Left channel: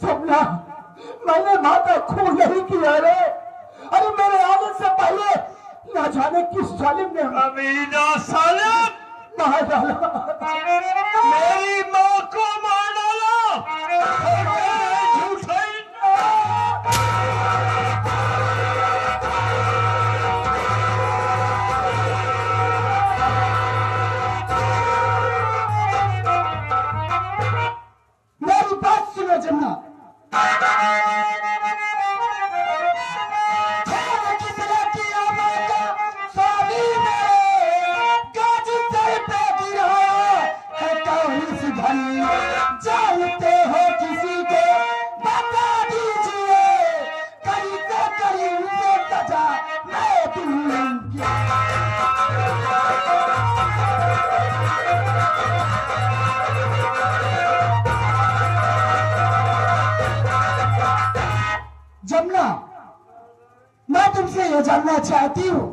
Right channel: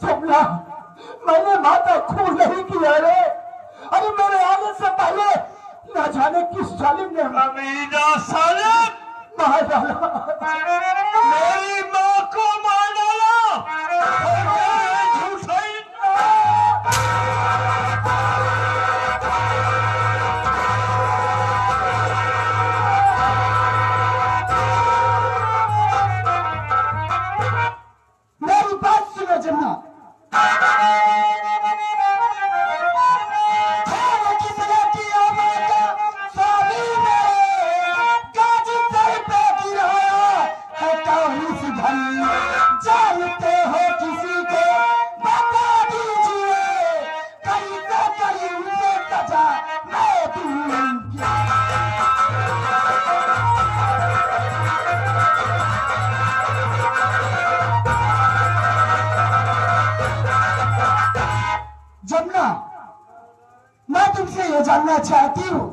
सबला, मैंने माता खून नहीं किया रे। अरे मेरे आने से पहले न जाने किस जालिम ने अमीना सालिम मार डाला, मेरी माँ को मार डाला। झूठा मेरी बात सुनो जन्ना, जानते हो किसी को बता दीजिए, करीब करीब से सजा मैं दूंगी। जमुना, मैं तुमसे ये जानना चाहती हूँ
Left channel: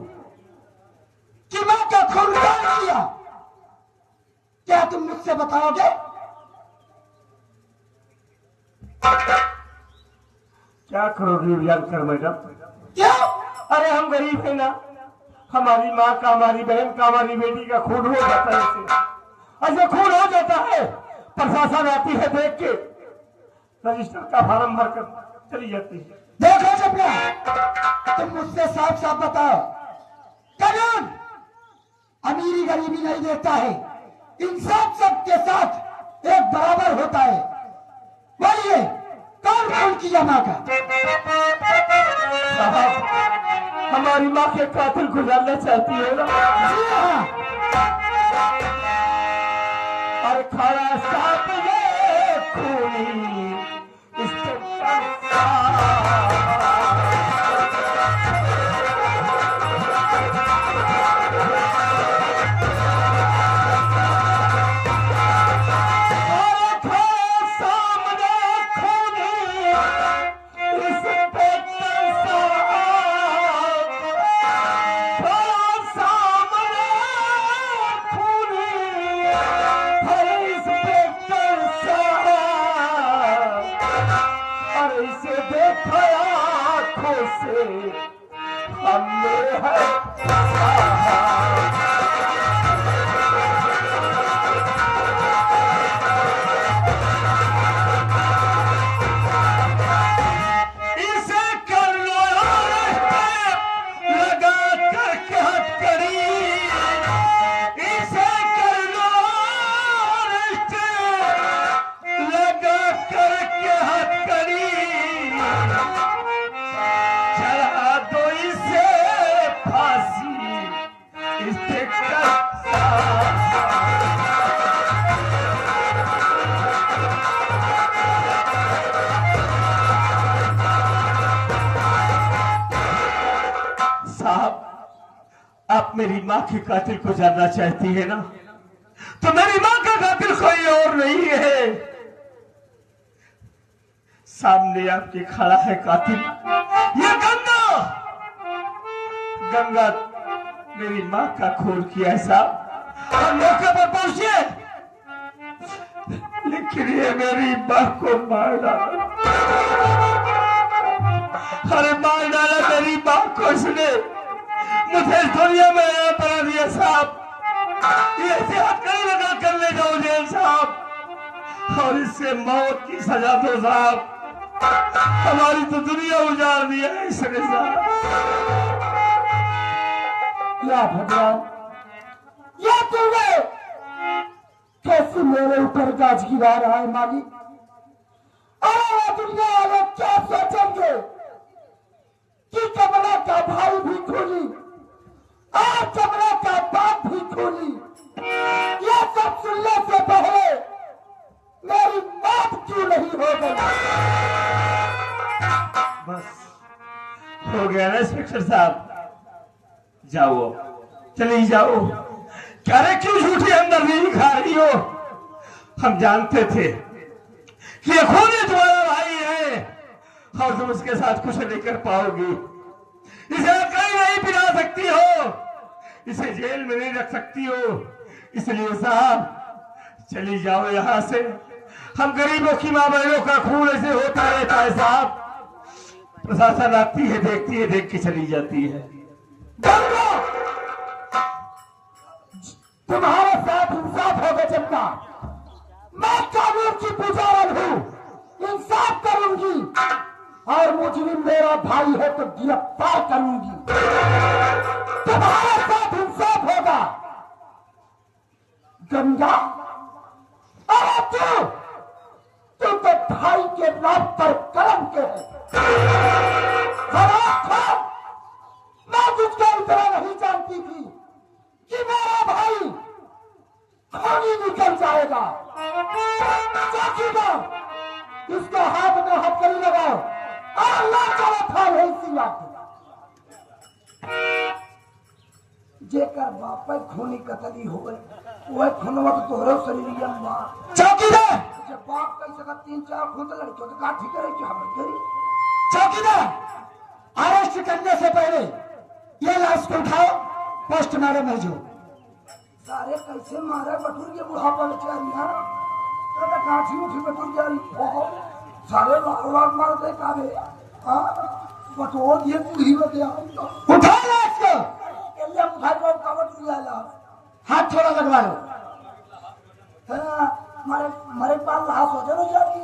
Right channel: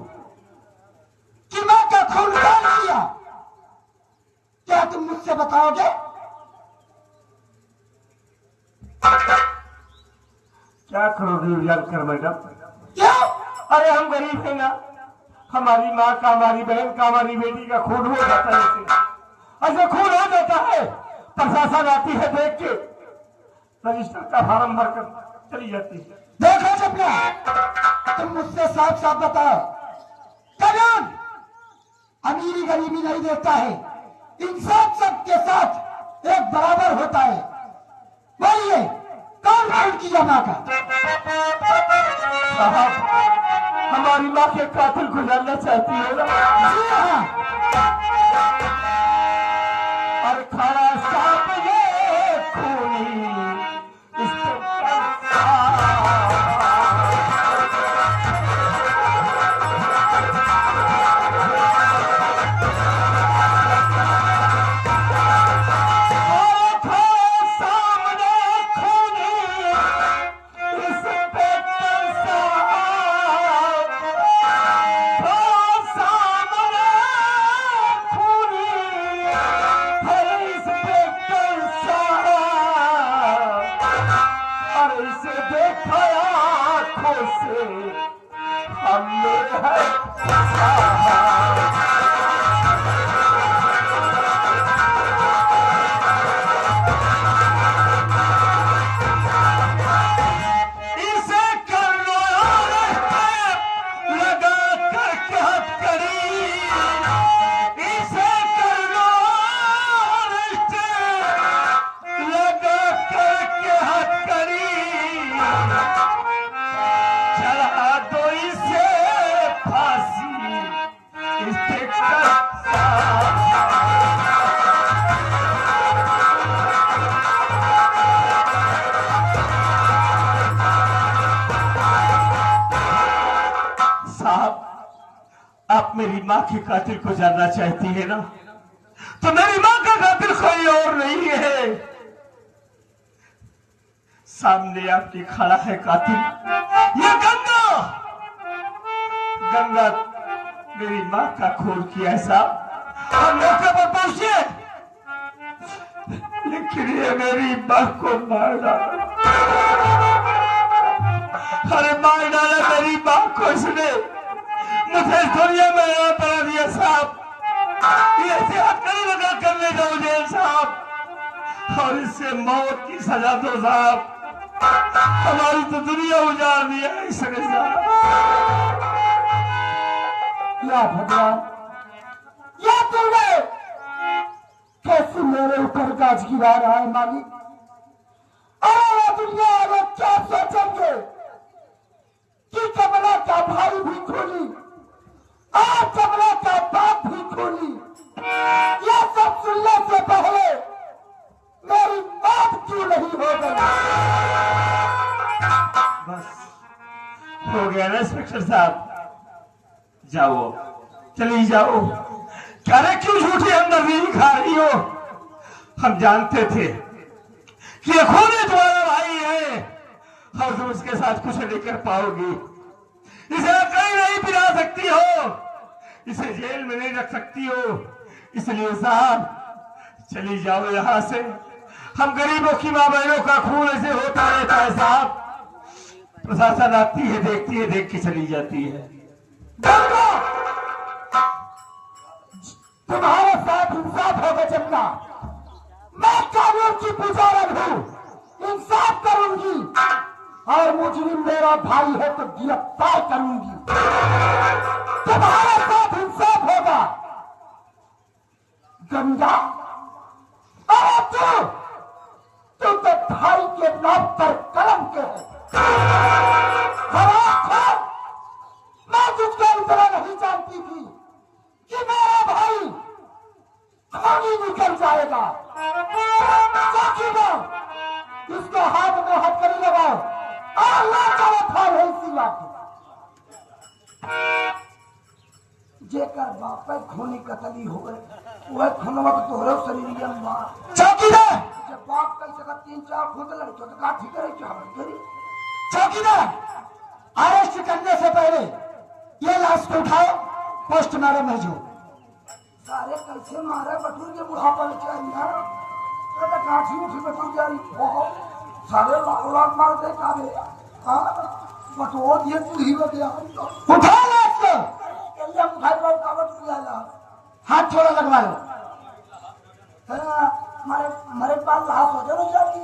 कि माँ का खून कौन किया? क्या तुम मुझसे बताओगे? क्या करोगी जानकर मैडम? क्यों? अरे हम गरीब है ना, हमारी माँ का, हमारी बहन का, हमारी बेटी का खून हो जाता है। ऐसे खून हो जाता है, प्रशासन आती है देख के, रजिस्टर का फार्म भरकर चली जाती है। देखो जमुना, तुम मुझसे साफ साफ बताओ, कानून अमीरी गरीबी नहीं देखता है, इंसान सबके साथ एक बराबर होता है। बोलिए, कौन खून किया माँ का? साहब, हमारी माँ के कातिल को जानना चाहती हो ना? जी हाँ। और खड़ा सांप ये खूनी लगा मेरी माँ के कातिल को जानना चाहती है ना, तो मेरी माँ का कातिल कोई और नहीं है। सामने आपके खड़ा है कातिल, ये गंगा। गंगा मेरी माँ का खून किया है साहब, हम मौके पर पहुंचे, लेकिन ये मेरी माँ को मार डाला। अरे मार डाला मेरी माँ को इसने, मुझे इस दुनिया में यहाँ बना दिया साहब। ये ऐसे हथकड़ी लगा कर ले जाओ जेल साहब, और इससे मौत की सजा दो साहब। हमारी तो दुनिया उजाड़ दी है इसने साहब। या भगवान, या तूने कैसे मेरे ऊपर गाज गिरा रहा है मालिक। अरे ये दुनिया वाले क्या सोचेंगे कि कमला का भाई भी खूनी और कमला का बाप भी खूनी। ये सब सुनने से पहले मेरी मौत क्यों नहीं हो गई। बस हो गया ना इंस्पेक्टर साहब, जाओ चली जाओ। क्या रे क्यों झूठी हमदर्दी खा रही हो? हम जानते थे कि ये खुद ही तुम्हारा भाई है और तुम उसके साथ कुछ नहीं कर पाओगी। इसे आप कहीं नहीं पिला सकती हो, इसे जेल में नहीं रख सकती हो, इसलिए साहब चली जाओ यहां से। हम गरीबों की मां बहनों का खून ऐसे होता रहता है साहब। प्रशासन आती है, देखती है, देख के चली जाती है। तुम्हारे साथ इंसाफ होगा जब मैं कानून की पुजारन हूँ, इंसाफ करूंगी और मुजरिम मेरा भाई है तो गिरफ्तार करूंगी। तुम्हारे साथ इंसाफ होगा गंगा। अरे तू तो भाई के नाम पर कलम के है। मैं तुझको इतना नहीं जानती थी कि मेरा भाई खूनी निकल जाएगा। चौकीदार इसको हाथ में हथकड़ी लगाओ और ला चलो फाल है इसी लाके। जेकर बाप पे खूनी कतली हो गए वह खूनवा तो तोहरे शरीर में। चौकीदार जब बाप कैसे का 3-4 खून लड़के तो का ठीक है कि हम तेरी। चौकीदार अरेस्ट करने से पहले ये लाश को उठाओ, पोस्टमार्टम भेजो। सारे कैसे मारे बटूर के बुढ़ापा में चला तो काठी उठी बटूर के सारे लाख मार दे काबे बटोर ये बूढ़ी में दिया। उठा लाश को, ये उठाई को कावट दिया, हाथ थोड़ा लगवा लो। हमारे पास लाश हो जाओ जाती।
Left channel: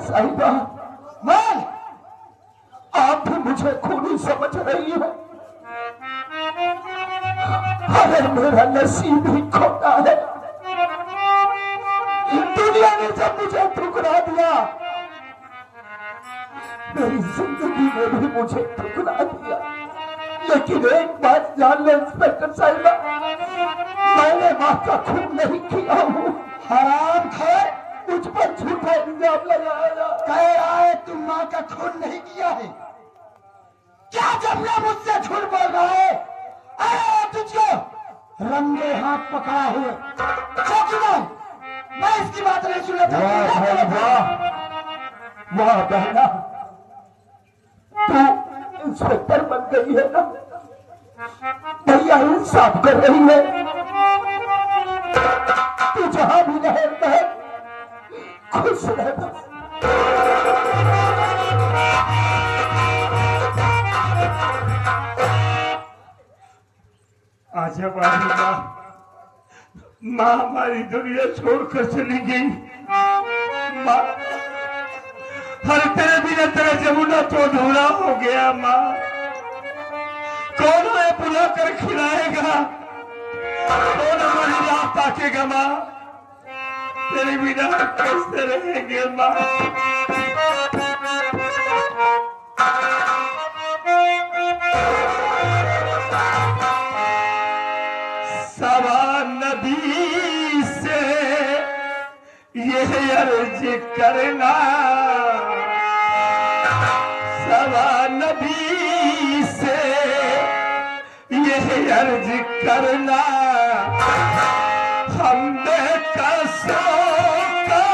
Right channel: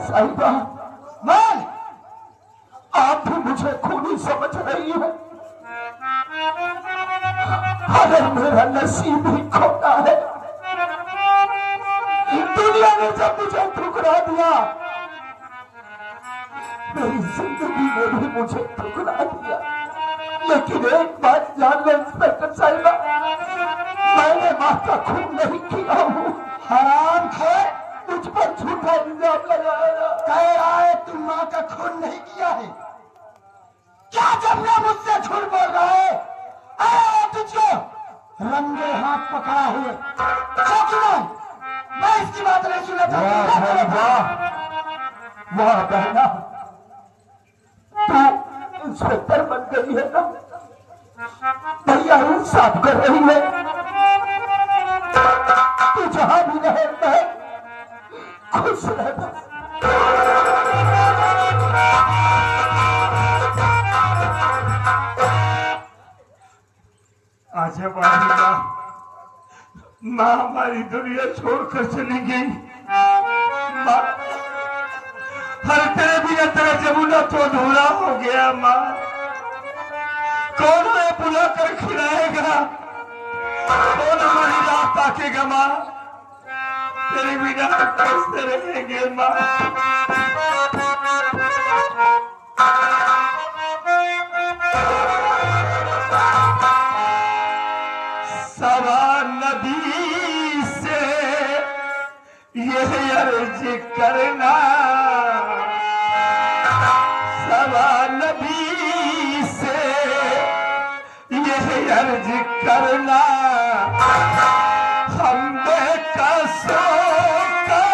साहिबा, मैं आप भी मुझे खूनी समझ रही है। अरे मेरा नसीब ही खोटा है। दुनिया ने जब मुझे ठुकरा दिया, मेरी जिंदगी में भी मुझे ठुकरा दिया। लेकिन एक बात जान लो इंस्पेक्टर साहिबा, मैंने मां का खून नहीं किया हूँ। हराम है, मुझ पर झूठा इल्जाम लगाया। कह रहा है तुम मां का खून नहीं किया है। क्या जमना मुझसे झूठ बोल रहा है? तुझको रंगे हाथ पकड़ा हुए। चौकीदार, मैं इसकी बात नहीं सुना चाहता। वाह बहना, तू इंस्पेक्टर बन गई है ना, भैया इंसाफ कर रही है। तू जहां भी रहे मैं खुश रह। आज हमारी माँ हमारी दुनिया छोड़कर चली गई। माँ, हर तेरे बिना तेरा जमुना तो अधूरा हो गया। माँ, कौन है बुला कर खिलाएगा? कौन हमारी राह ताकेगा माँ? तेरे बिना कैसे रहेंगे माँ? सवा नदी से ये अर्ज करना, सवा नदी से ये अर्ज करना, हम बेकसों का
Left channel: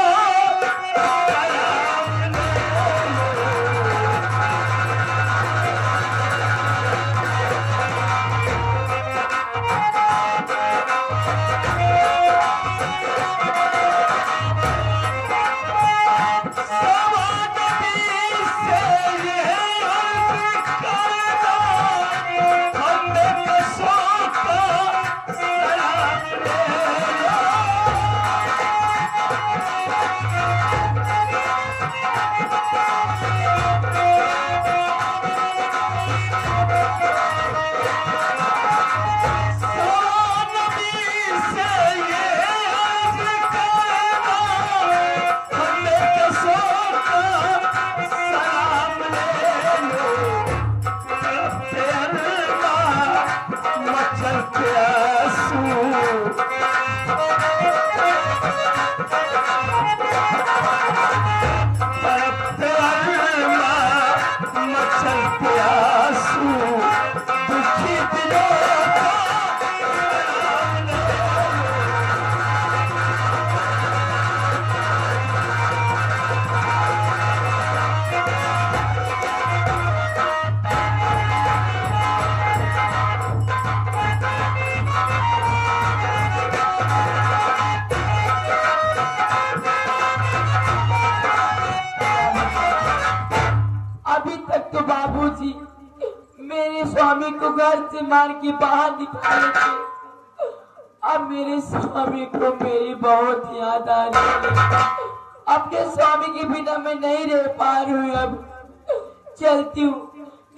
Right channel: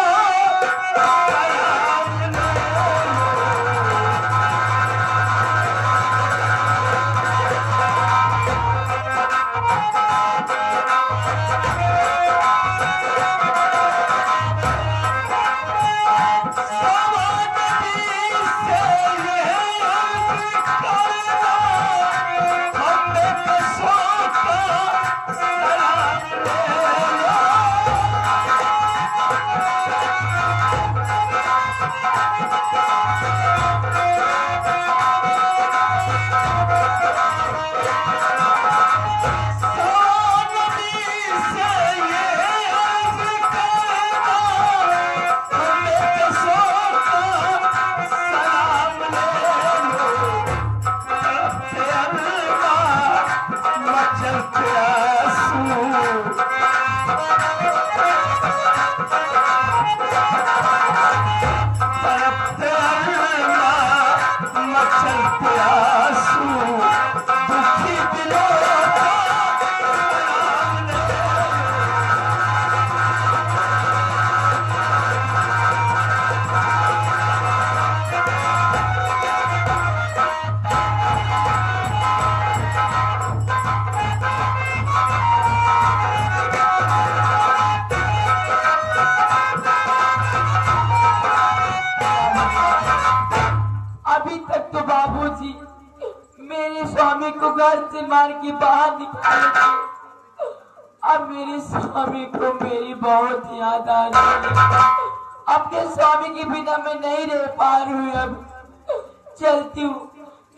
सलाम ले बाबूजी मेरे स्वामी को घर से मार के बाहर निकाले थे। अब मेरे स्वामी को मेरी बहुत याद आ रही है। अपने स्वामी के बिना मैं नहीं रह पा रही हूँ। अब चलती हूँ,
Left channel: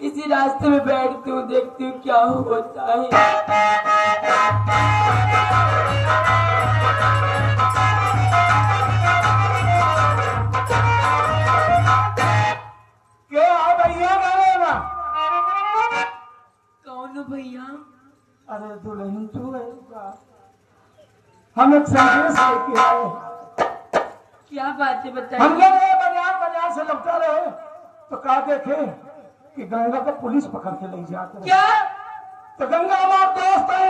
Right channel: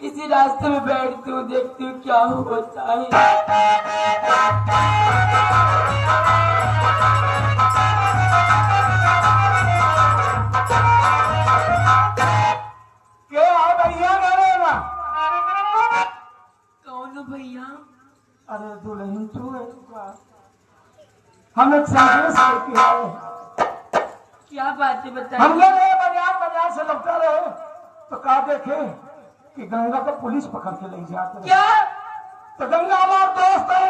इसी रास्ते में बैठती हूँ, देखती हूँ क्या होता है। भैया अरे दुल्हन तू है क्या? हम एक संदेश लेके आए। क्या बात है बताइए। हम लोग बाजार से लौटा रहे तो कहा देखे कि गंगा को पुलिस पकड़ के ले जाते। क्या? तो गंगा हमारे दोस्त है।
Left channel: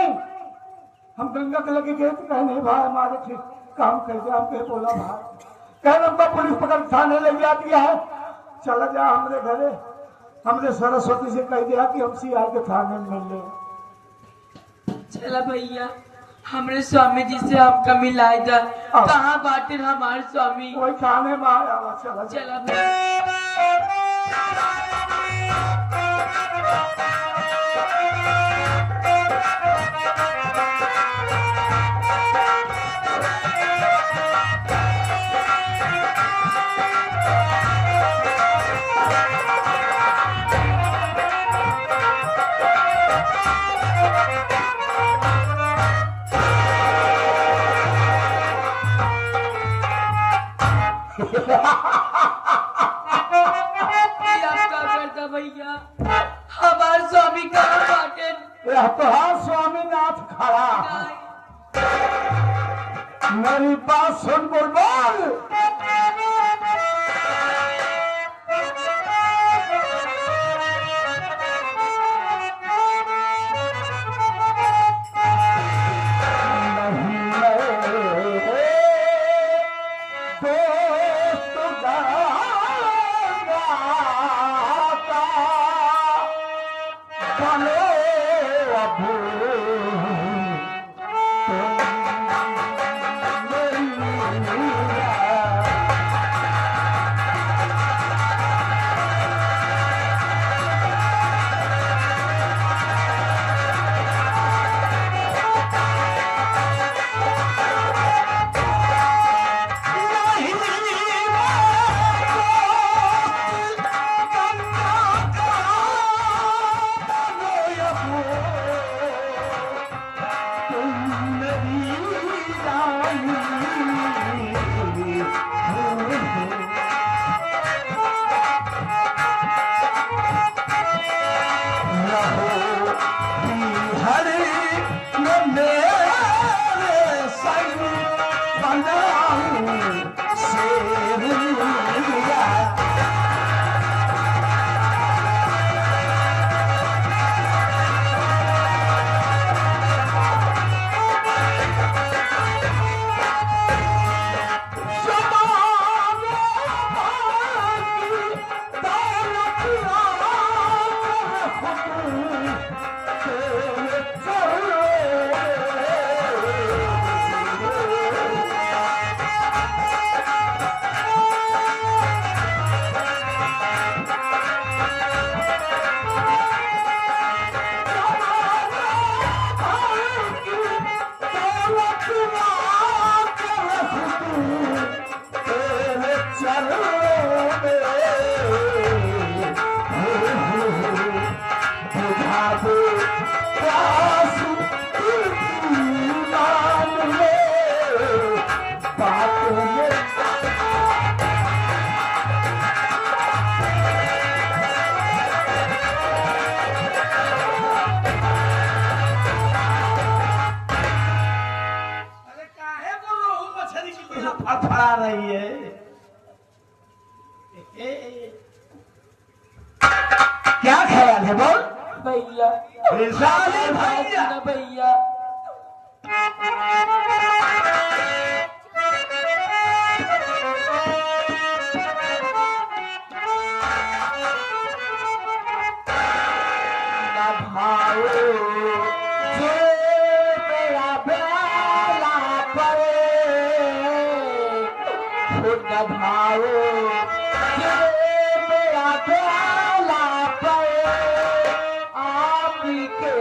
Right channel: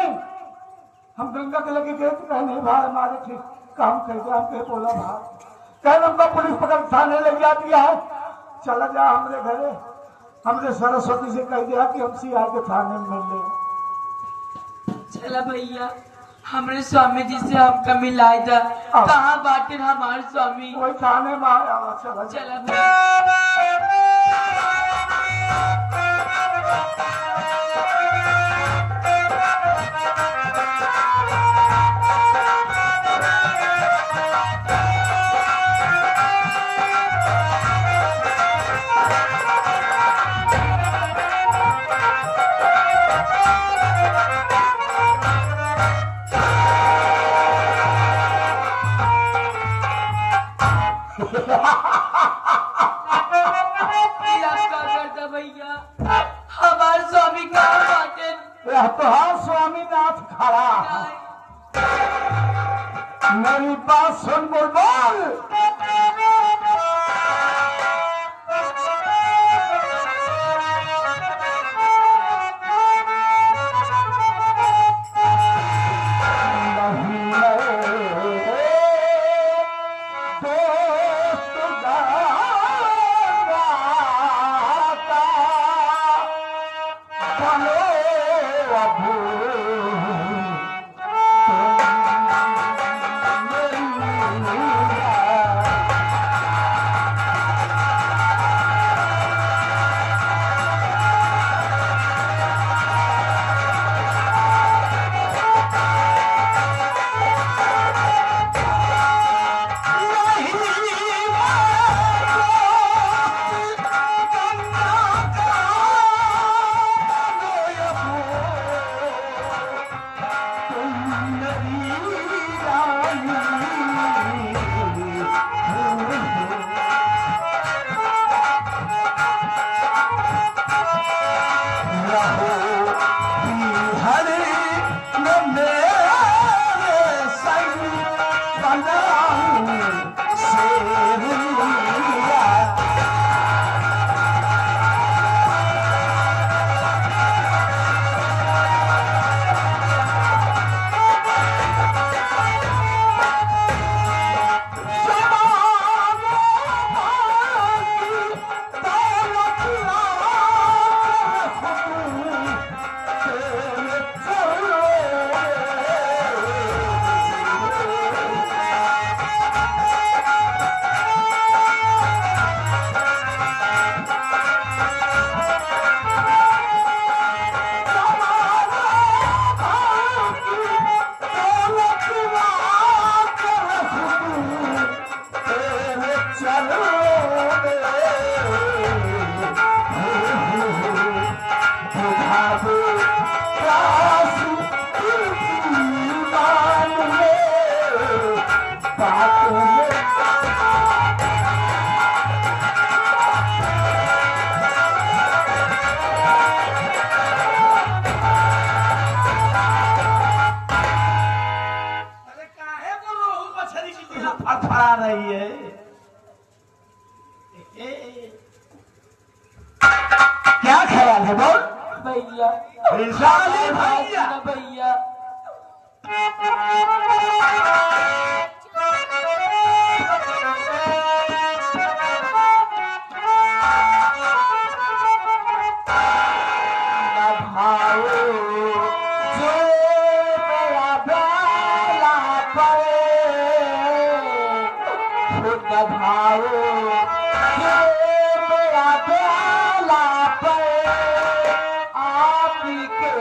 हम गंगा के लगे गए तो कहे नहीं भाई हमारे ठीक काम कर दिया। हम बोला भाई कहे हमको पुलिस पकड़ थाने ले जाती है, चला जा हमारे घरे। हमने सरस्वती से कह दिया कि हम सीआई के थाने में मिले। चला भैया, हमारे स्वामी जी से हमका मिलाए जा। कहाँ बाटे हमारे स्वामी? कोई थाने में आया। चला भैया। भैया हमारे स्वामी कहाँ बाटे? तो स्वामीनाथ खड़ा। मेरी बात सुन बुलबुल। में बुझा दे प्यास ईमान में बात में फड़फड़ा रही है। क्या ख्याल है बोल भैया साले भैया ना भैया ना भाओ जो मेरा प्याला न भाओ जो मेरा प्याला पे आप के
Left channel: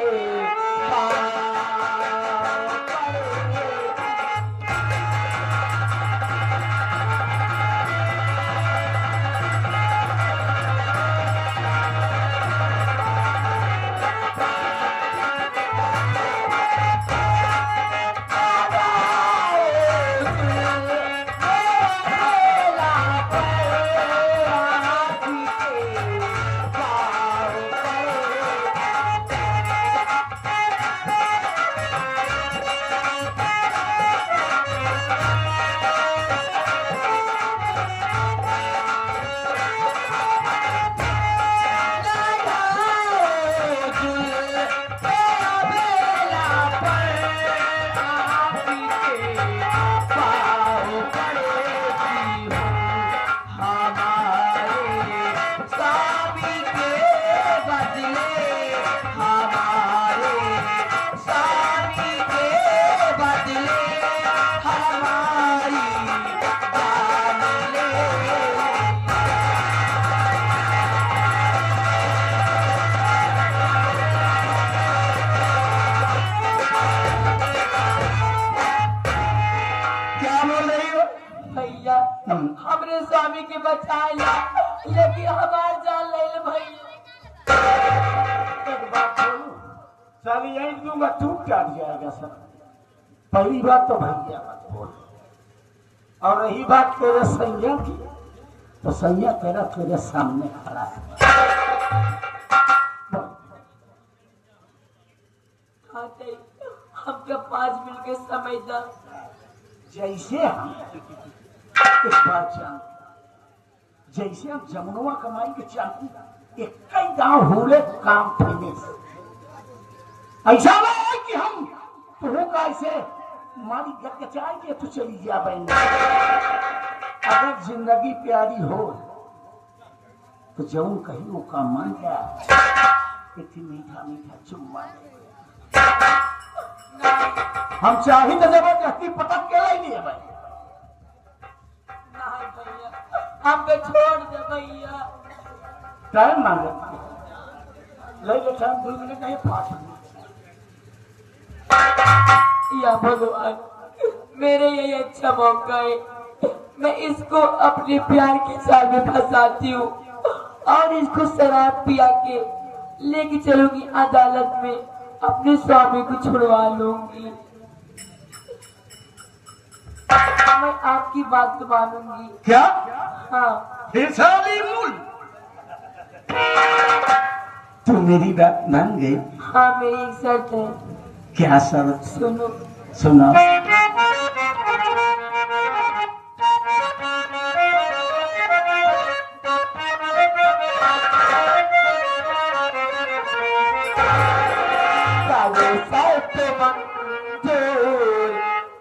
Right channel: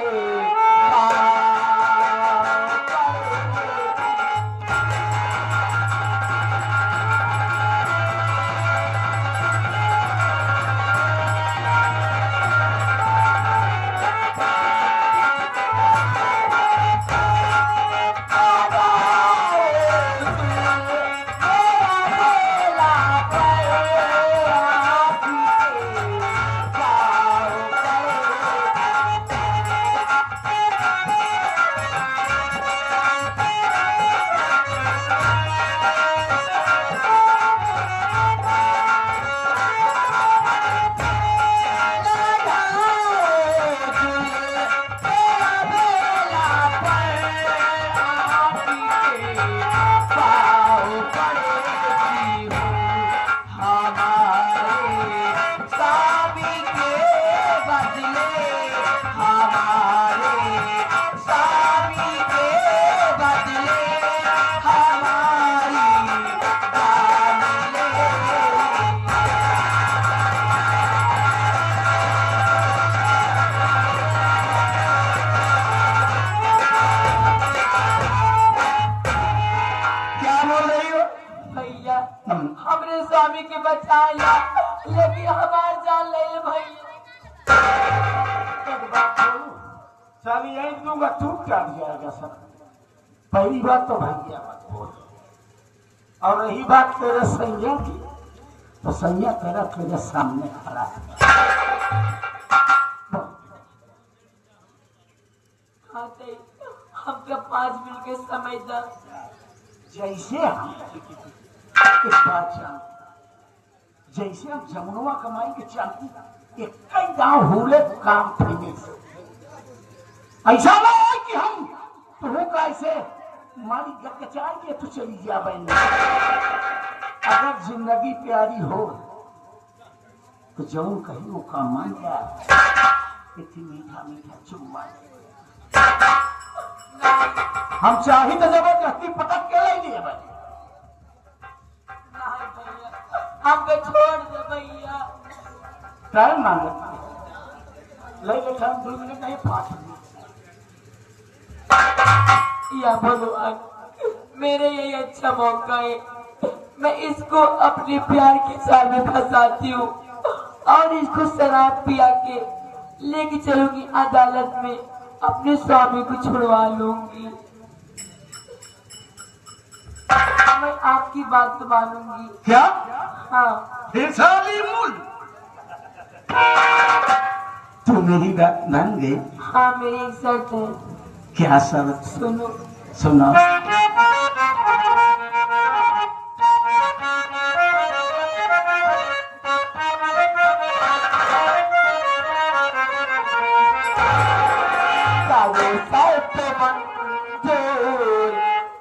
हमरे स्वामी के बचाया लेकिन हमार जान ले भैया। साली यही दूंगा टूट जाट जाएगा सब। पहली बात तो भैया मत बोल, और रही बात तेरे सैया की तो सैया तेरे सामने खड़ा है। हमको 5 मिनट के समय दा। जैसे हम एक बात जान, जैसे हम जमुनवा कमाई के चाहती एक कई गांव हुले काम फैले से ऐसा नहीं है कि हम तो कैसे मारी गचाई के तो चली जा बहन। अगर जिंदगी प्यारी हो तो जौन कहीं वो काम मान जाए, इतनी मीठा मीठा चुम्मा हम चाही तो जबरदस्ती पटक के ले लिए भाई। हमको छोड़ दे भैया। टाइम मांगते ले बैठा 2 मिनट नहीं 5 मिनट। या भगवान मेरे यही अच्छा मौका है, मैं इसको अपने प्यार के जाल में फंसाती हूँ और इसको शराब पिया के लेके चलूंगी अदालत में, अपने स्वामी को छुड़वा लूंगी। मैं आपकी बात तो मानूंगी। क्या? हाँ साली मूल तू मेरी बात मान गई? हाँ मेरी एक शर्त है। क्या शर्त? सुनो सुना।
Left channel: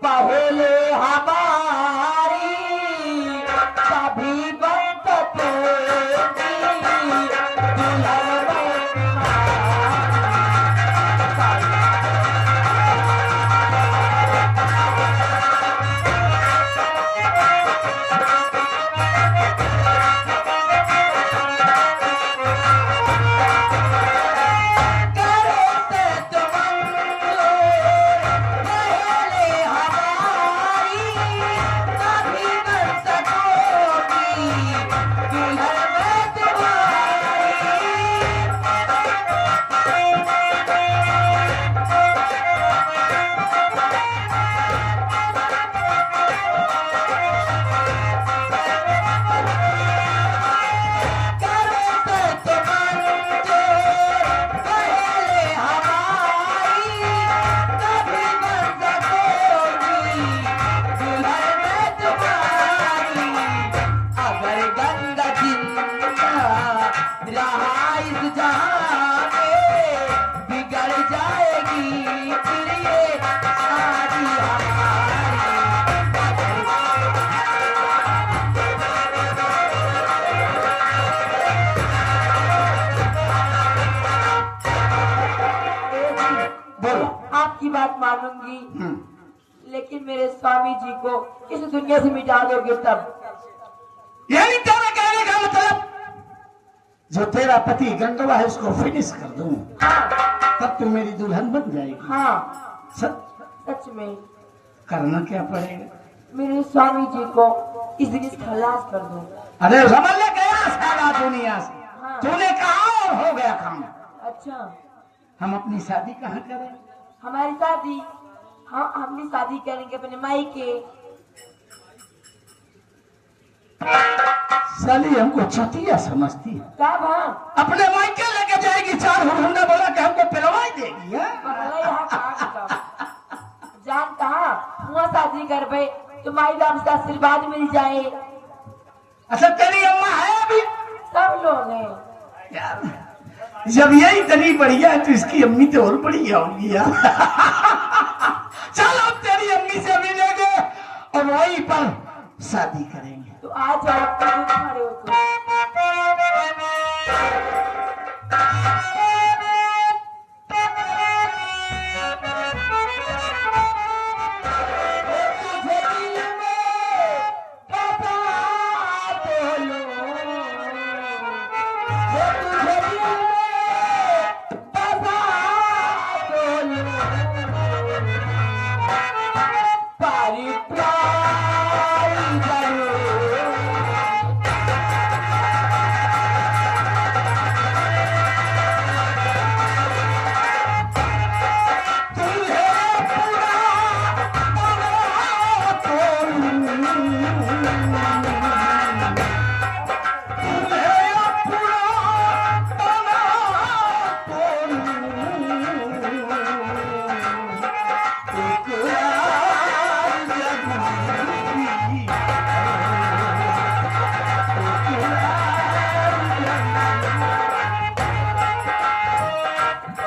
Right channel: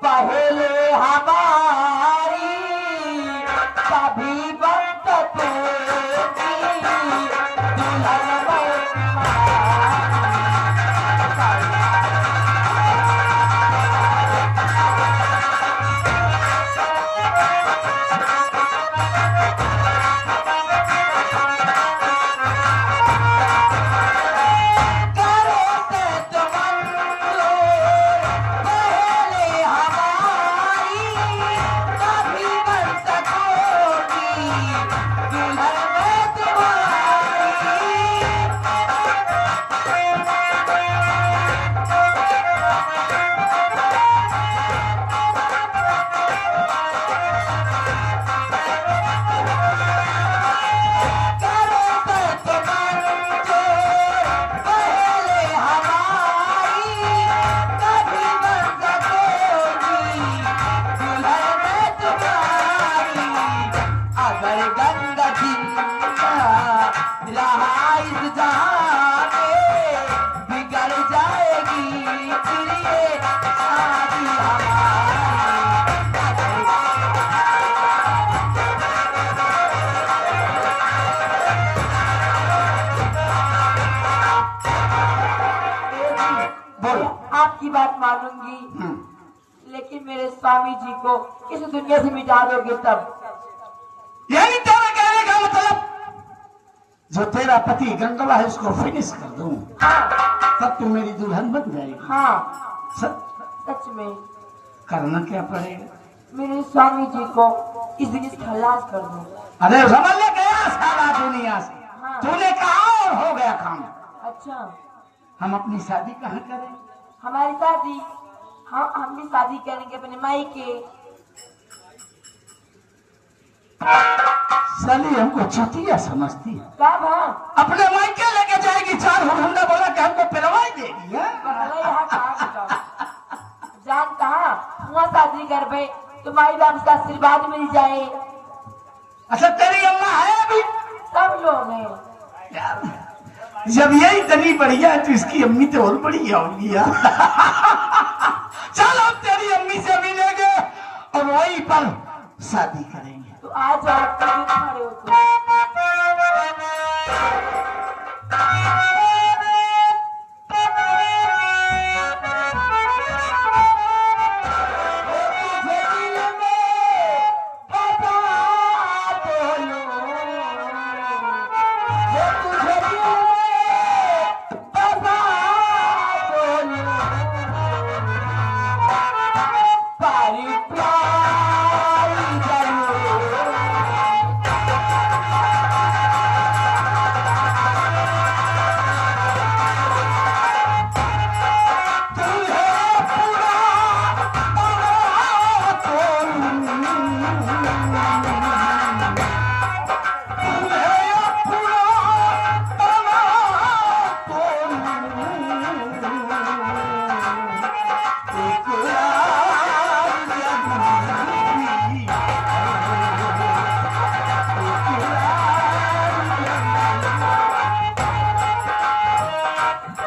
पहले हमारी कभी बंद दुल्हन मैं तुम्हारी। करो तो मन जो पहले हमारी, तभी बन सकोगी दुल्हन मैं तुम्हारी। अगर गंगा जिंदा रहा इस जहां में, बिगड़ जाएगी फिर ये शादी बोलो। आपकी बात मानूंगी, लेकिन मेरे स्वामी जी को इस दुनिया से मिटा दोगे तब। यही तेरा कहने का मतलब, जो तेरा पति गंगवा है उसको फिनिश कर दूं, हाँ तब तू मेरी दुल्हन बन जाएगी। हाँ, सच सच में करना क्या पड़ेगा? मेरे स्वामी जी को इस दिन खलास कर दो। अरे समझ ले गया सारा दुनिया से, हाँ। तूने कहा और हो गया काम। अच्छा, हम अपनी शादी कहाँ करें? हमारी शादी हम भी शादी करेंगे अपने माई के। साली हमको चुतिया समझती है। कब हाँ अपने मायके लेके जाएगी, चार हुंडा बोला कि हमको पिलवाई देगी है? पहले यहाँ कहाँ का? जान कहाँ वहाँ शादी कर पे तुम्हारी बाप से आशीर्वाद मिल जाए। अच्छा तेरी अम्मा है अभी? सब लोग हैं। यार, जब ये इतनी बढ़िया है तो इसकी अम्मी तो और बढ़िया होगी यार। चलो तेरी अम्मी से मिलेंगे और वहीं पर शादी करेंगे। तो आज आप खड़े हो तो। तुझे दिल में बता बोलूं, वो तुझे दिल में बता बोलूं, पारी पारी जरूर।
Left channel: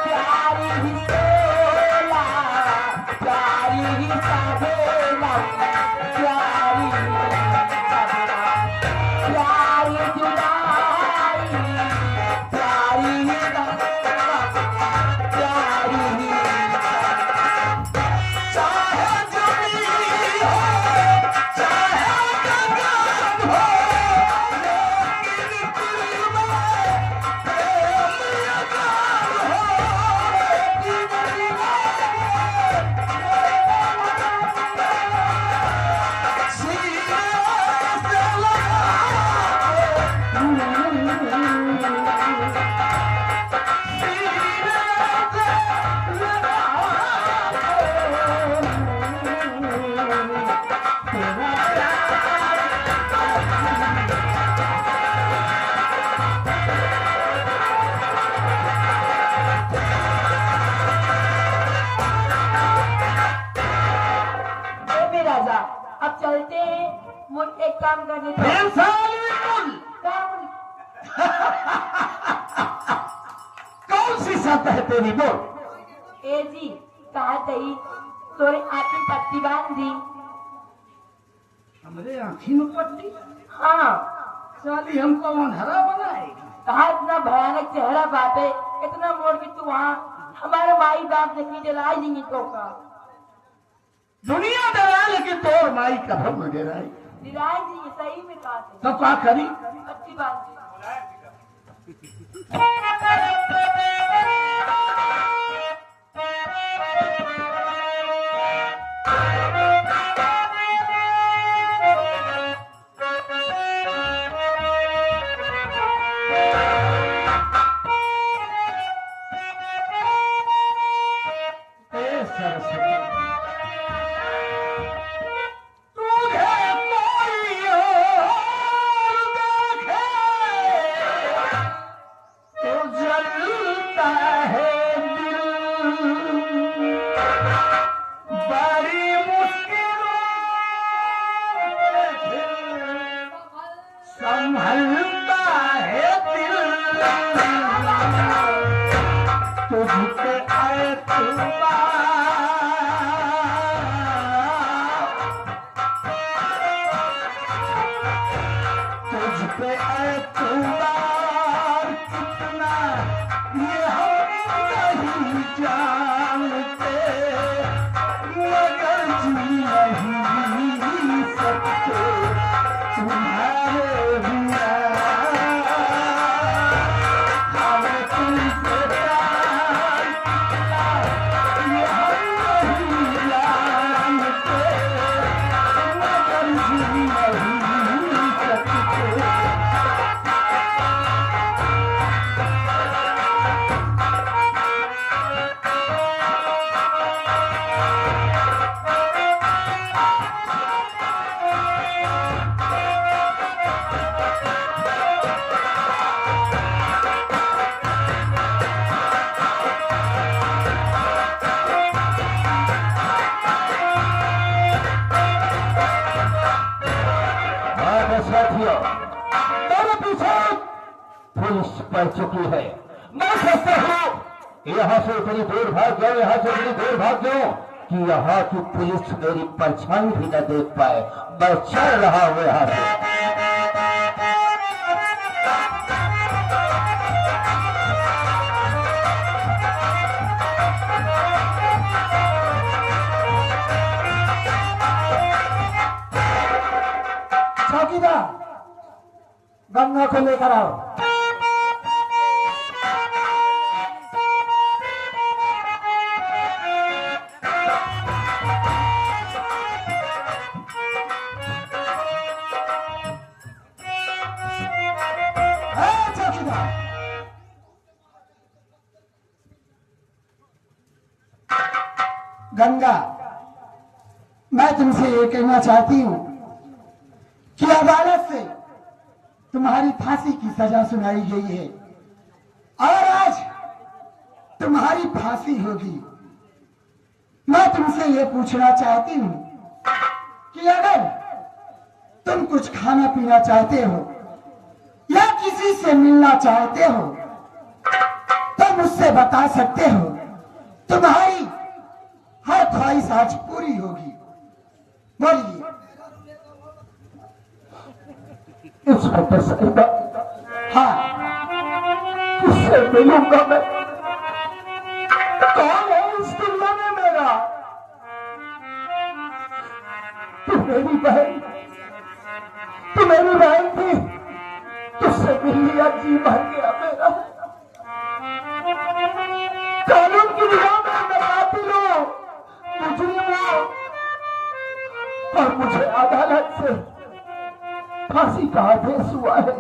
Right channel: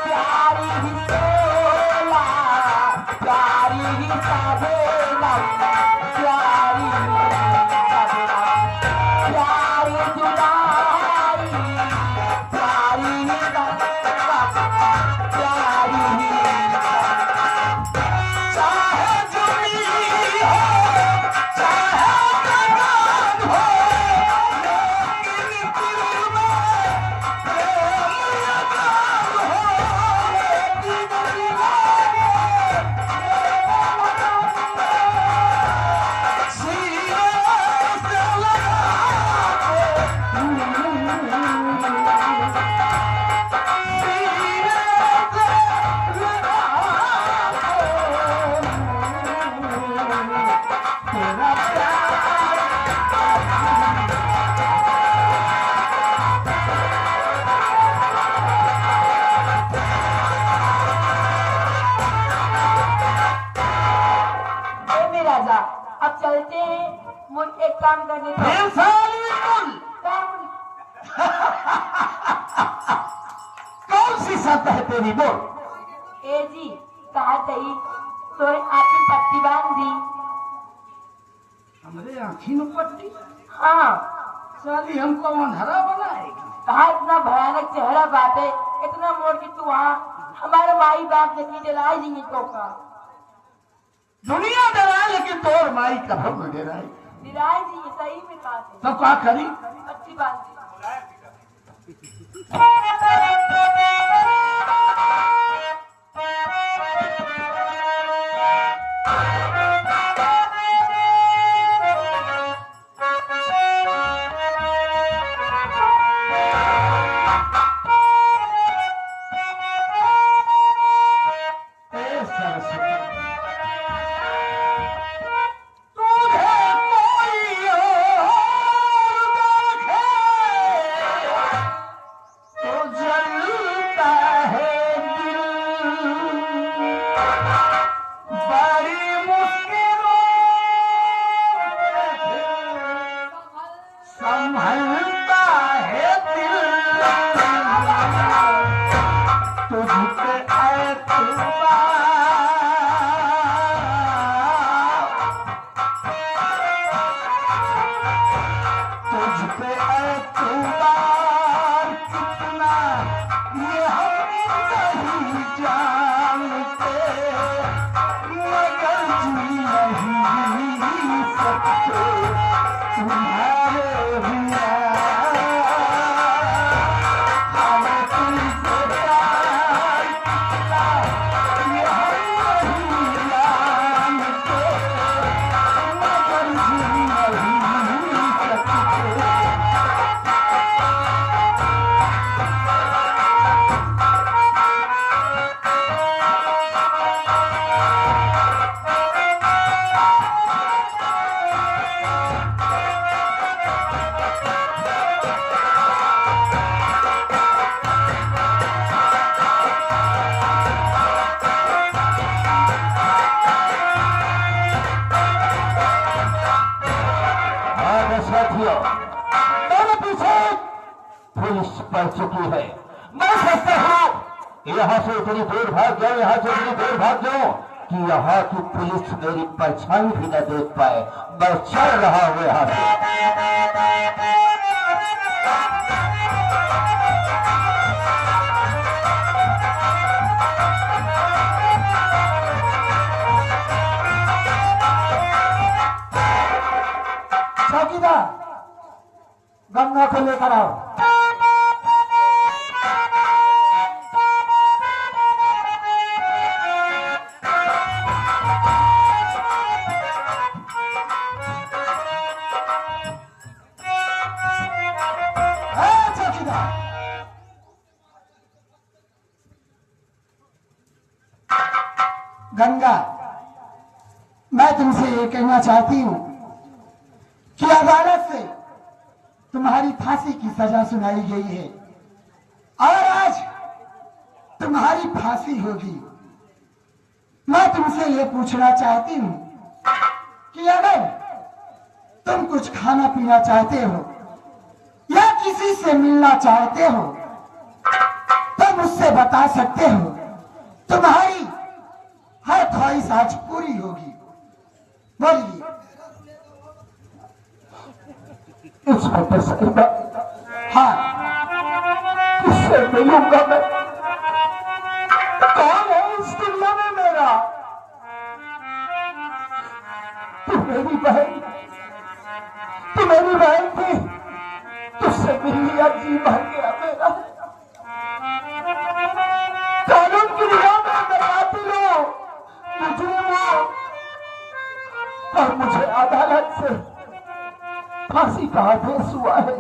प्यारी ही सोला, प्यारी ही साधेला, प्यारी ही साधेला, प्यारी दुलारी, प्यारी ही साधेला, प्यारी ही। चाहे जमी हो, चाहे गगन हो, लेकिन दिल में प्रेम लगन हो, लेकिन राजा अब चलते हैं। मुझे एक काम करने दो। काम कौन सी शर्त है तेरी बोल? ए जी कहा तई तोरे आँखी पट्टी बांध दी। हमारे आँखी में पट्टी? हाँ साली हमको अंधेरा बनाएगी। कहा इतना भयानक चेहरा बाटे, इतना मोड़ की तू वहाँ हमारे माई बाप ने डलाई नहीं तो का दुनिया डरा लेकिन तोर माई कभी न डराई। निराय जी सही में कहा थे। तो क्या करी? अच्छी बात एतबार कितना ये हम नहीं जानते, मगर जी नहीं सकते तुम्हारे बिना। हमें तुमसे प्यार कितना ये हम नहीं जानते, मगर जी नहीं सकते। साथियों, मेरे पीछे पुलिस पड़ चुकी है। मैं सोचता हूँ यहाँ से इतनी दूर भाग जाऊं, यहाँ से इतनी दूर भाग जाऊं कि यहाँ की पुलिस मेरी परछाई भी न देख पाए। मैं चल रहा हूँ यहाँ से। चौकीदार, गंगा को लेकर आओ। चौकीदार, गंगा, मैं तुमसे ये कहना चाहती हूँ कि अदालत से तुम्हारी फांसी की सजा सुनाई गई है और आज तुम्हारी फांसी होगी। मैं तुमसे ये पूछना चाहती हूँ कि अगर तुम कुछ खाना पीना चाहते हो या किसी से मिलना चाहते हो तो मुझसे बता सकते हो। तुम्हारी हर ख्वाहिश आज पूरी होगी। बोलिए। इंस्पेक्टर साहब, हाँ, किससे मिलूंगा मैं? कौन है इस दुनिया में मेरा? तू मेरी बहन थी, तुझसे मिल लिया, जी भर गया मेरा। कानून की निगाह में मैं कातिल हूं, मुजरिम हूं, और मुझे अदालत से फांसी का आदेश हुआ है।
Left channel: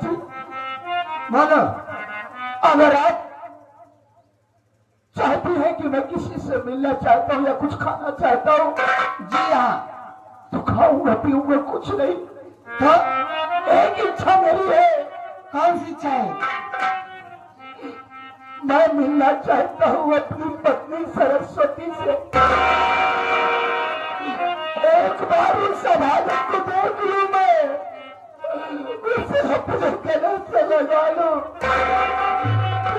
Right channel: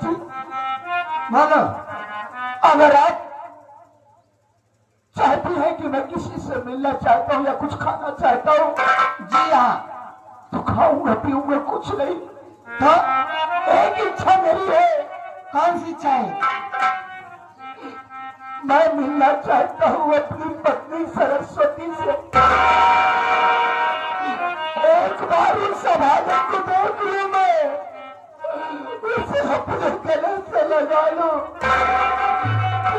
जी, बोलो। अगर आप चाहती हैं कि मैं किसी से मिलना चाहता हूँ या कुछ खाना चाहता हूँ, जी हाँ, तो खाऊंगा पीऊंगा कुछ नहीं। तो एक इच्छा मेरी है। कौन सी इच्छा है? मैं मिलना चाहता हूँ अपनी पत्नी सरस्वती से। एक बार उस सभाओं को देख लूं, मैं उसे अपने गले से लगा लूं,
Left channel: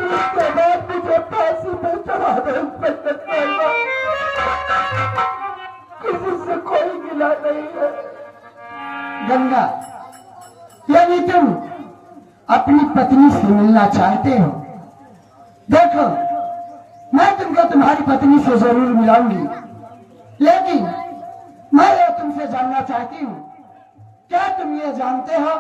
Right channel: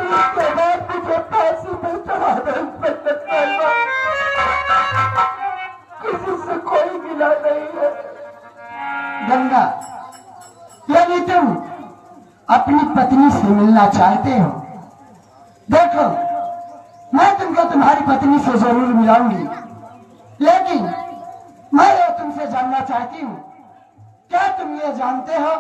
उसके बाद मुझे फांसी पे चढ़ा दे। किसी से कोई मिला नहीं है। गंगा, यदि तुम अपनी पत्नी से मिलना चाहते हो, देखो मैं तुमको तुम्हारी पत्नी से जरूर मिलाऊंगी, लेकिन मैं ये तुमसे जानना चाहती हूँ, क्या तुम ये जानते हो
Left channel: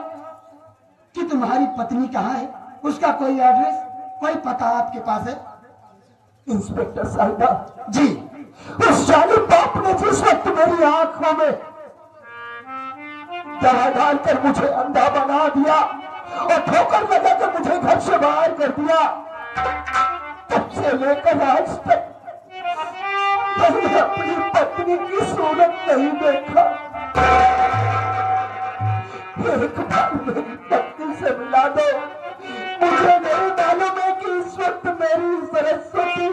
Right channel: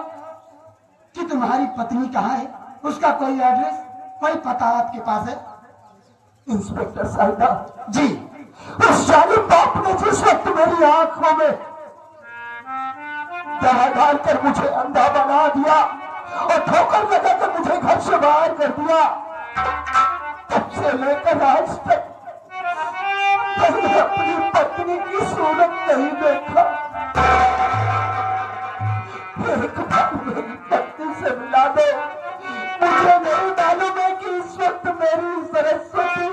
कि तुम्हारी पत्नी कहाँ है? उसका कोई एड्रेस, कोई पता आपके पास है? इंस्पेक्टर साहिबा जी। उस जालिम बाप ने जिस वक्त मेरी आंखों में दवा डालकर मुझे अंधा बना दिया और ठोकर लगाकर मुझे घर से बाहर कर दिया, तब से लेकर आज तक मैंने अपनी पत्नी की सूरत नहीं देखा। एक बार मेरी पत्नी से मिला दो। मुझे नहीं मालूम है कि इस वक्त मेरी सरस्वती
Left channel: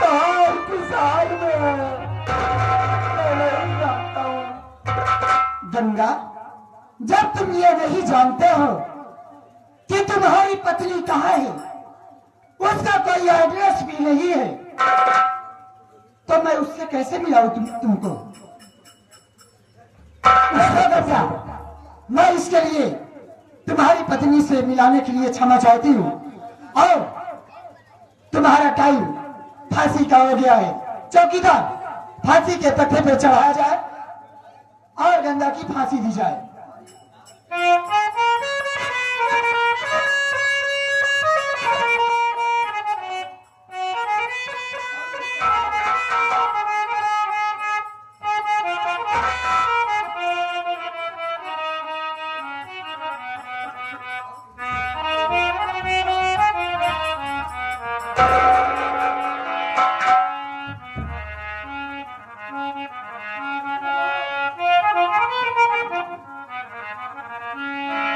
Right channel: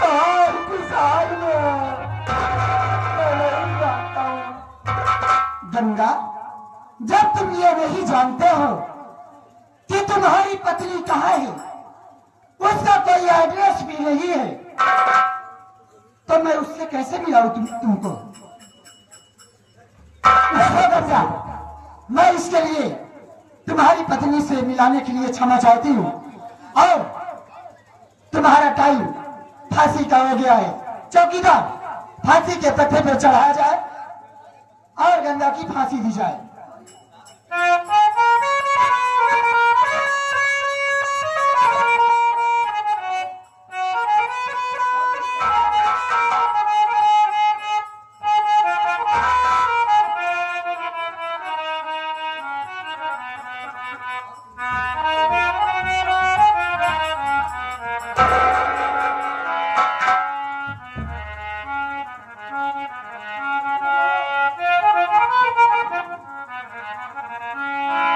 कहाँ किस हाल में है, मैं नहीं जानता हूँ। गंगा, जब तुम ये नहीं जानते हो कि तुम्हारी पत्नी कहाँ है, उसका कोई एड्रेस भी नहीं है, तो मैं उससे कैसे मिलाऊं तुमको? देखो गंगा, मैं इसके लिए तुम्हारी पत्नी से मिलाने के लिए क्षमा चाहती हूँ और तुम्हारा टाइम फांसी का हो गया है। चौकीदार, फांसी के तख्ते पर चढ़ाया जाए और गंगा की फांसी दी जाए।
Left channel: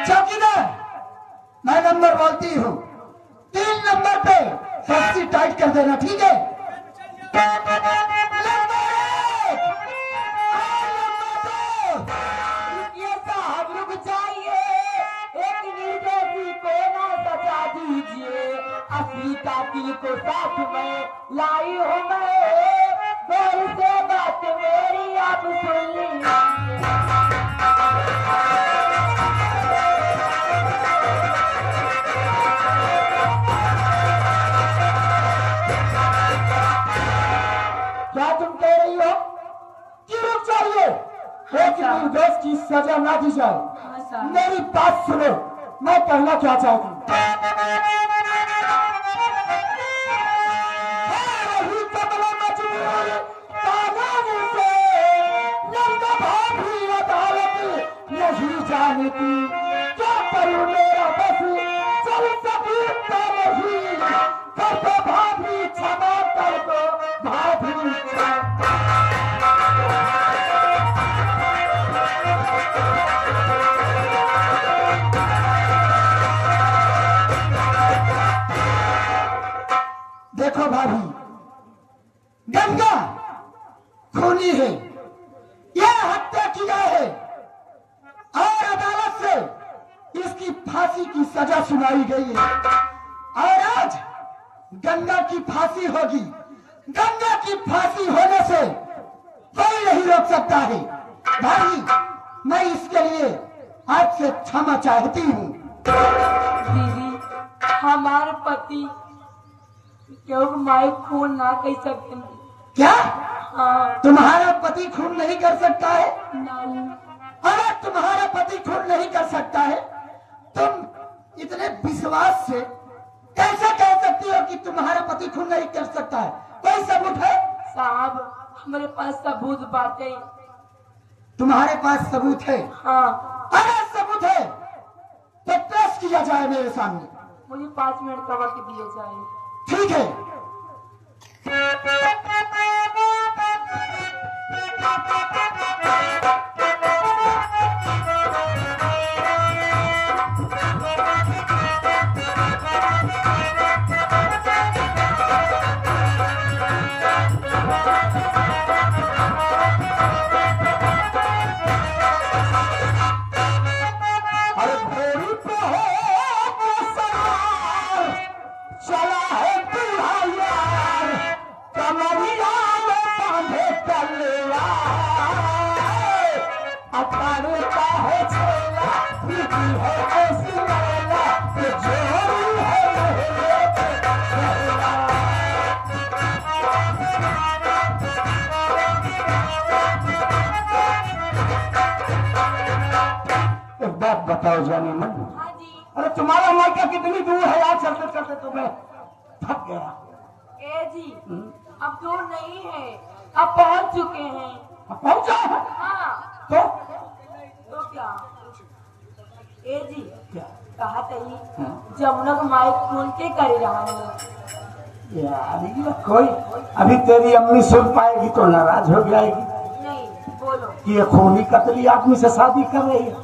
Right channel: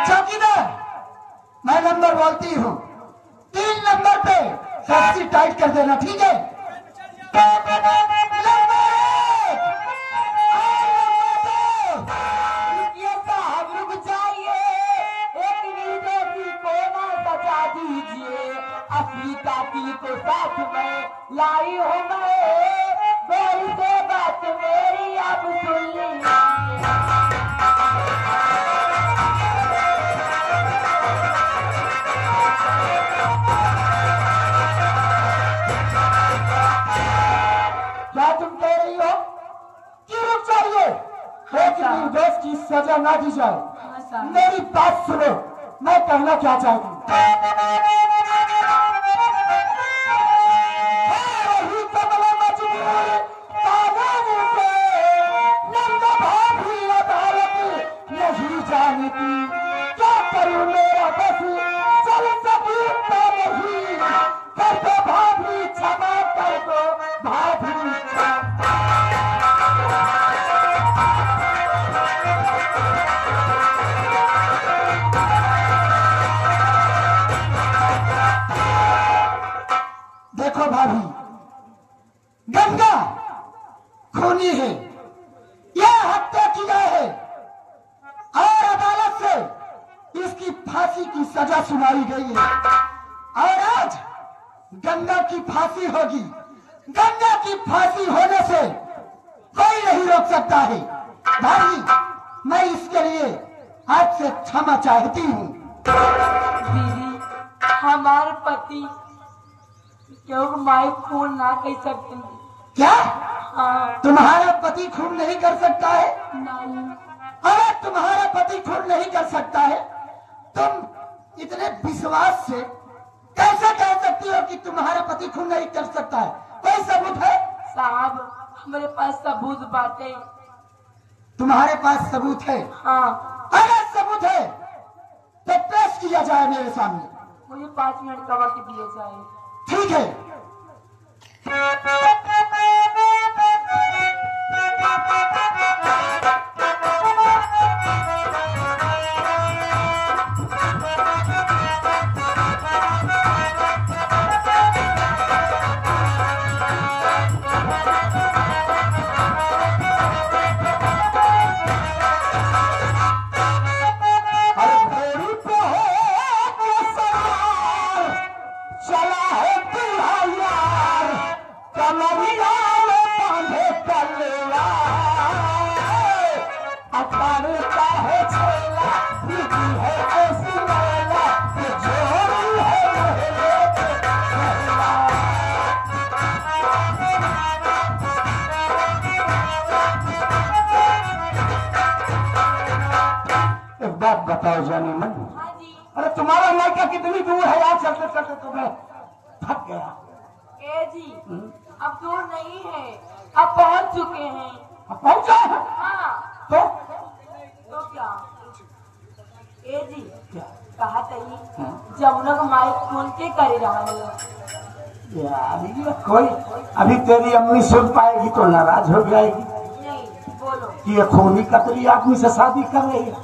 चौकीदार, मैं नंबर बोलती हूँ, 3 नंबर पे रस्सी टाइट कर देना, ठीक है? ये साहब रुक जाइए, एक निर्दोषी को ना सजा दीजिए। असली कातिल को साथ में लाई हूँ मैं, गौर से बात मेरी आप सुन लीजिए। क्या तुम कह रही हो कि रुक जाइए? एक निर्दोष की सजा ना दी जाए। मेरी बात सुनो, मैं कहना क्या चाहती हूँ। रही कमला मजबूर कानून से, नंदा भाभी अदालत नहीं जानती। क्या करूँ मेरा बस चल सकता नहीं, कर दो भाभी क्षमा, कर दो भाभी क्षमा। देखो भाभी, गंगा खूनी है, यह हत्या किया है और अदालत से इसकी फांसी की सजा सुनाई गई है और आज गंगा की फांसी होगी। गंगा की फांसी होने से कोई नहीं रोक सकता है। भाई, मैं इसके लिए आपसे क्षमा चाहती हूँ। दीदी, हमारे पति क्यों माई खून ना कह सकते? क्या हाँ, तुम्हारा पति खून नहीं कर सकता है? नहीं। अरे तुम्हारा पति खून नहीं कर सकता है, तुम इतने विश्वास से कैसे कह सकती हो कि तुम्हारा पति खून नहीं कर सकता है? कोई सबूत है? साहब, हमारे पास सबूत बातें। तुम्हारे पास सबूत है? हाँ, अरे सबूत है तो पेश किया जाए मेरे सामने। मुझे 5 मिनट का वक्त दिए जाए। ठीक है। अरे घोड़ी पे हो के सवार, चला है दूल्हा यार, कमरिया में बांधे तलवार। अखाड़े का है छेला, दीदी है ऐसी मैला, कि जोड़ी है महलों के महला। एक बात बताओ जाने मन, हाँ जी। अरे तुम्हारा मायका कितनी दूर है? यार चलते चलते तो मैं थक गया। ए जी, अब दूर नहीं है, अब पहुंच चुके हैं। अब पहुंचा है हाँ, तो क्या? ए जी, क्या? कहा तही जमुना को माई खून के कर रहा हूँ। यार ये कोई अभी तेरी अम्मी सुन पाएगी तो नाराज हो जाएगी नहीं, बोलो। कि ये खूनी कतरी आदमी से शादी कर रही है।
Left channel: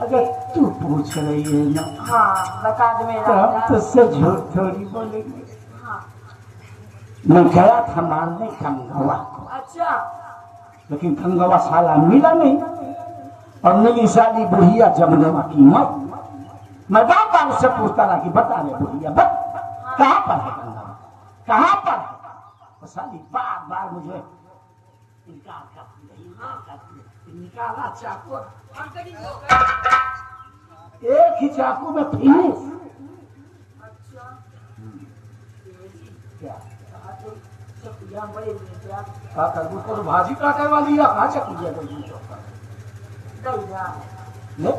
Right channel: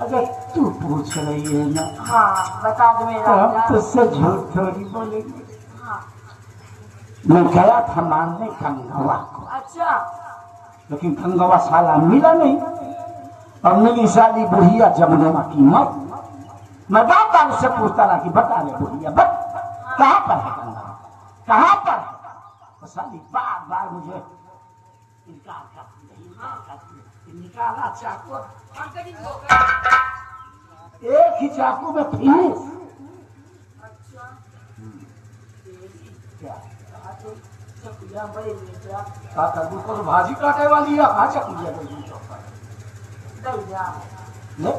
अगर तू पूछ रही है ना हाँ, बता दो तो मेरा। हम तुझसे झूठ थोड़ी बोलेंगे। हाँ, मैं गया था मारने गंगवा को, अच्छा। लेकिन गंगवा साला मिला नहीं और मिली साली बुढ़िया जमुना की मौत। मैं बार उससे पूछता रहा कि बता रहे बुढ़िया बत कहाँ पर है गंगवा, कहाँ पर है? तो साली बार बार मुझे इनकार करती रही, निकाला चाकू, एक ही चाकू में फिनिश। क्या करबू को भाजी काटे वाली या कहा चकुलिया कोई ले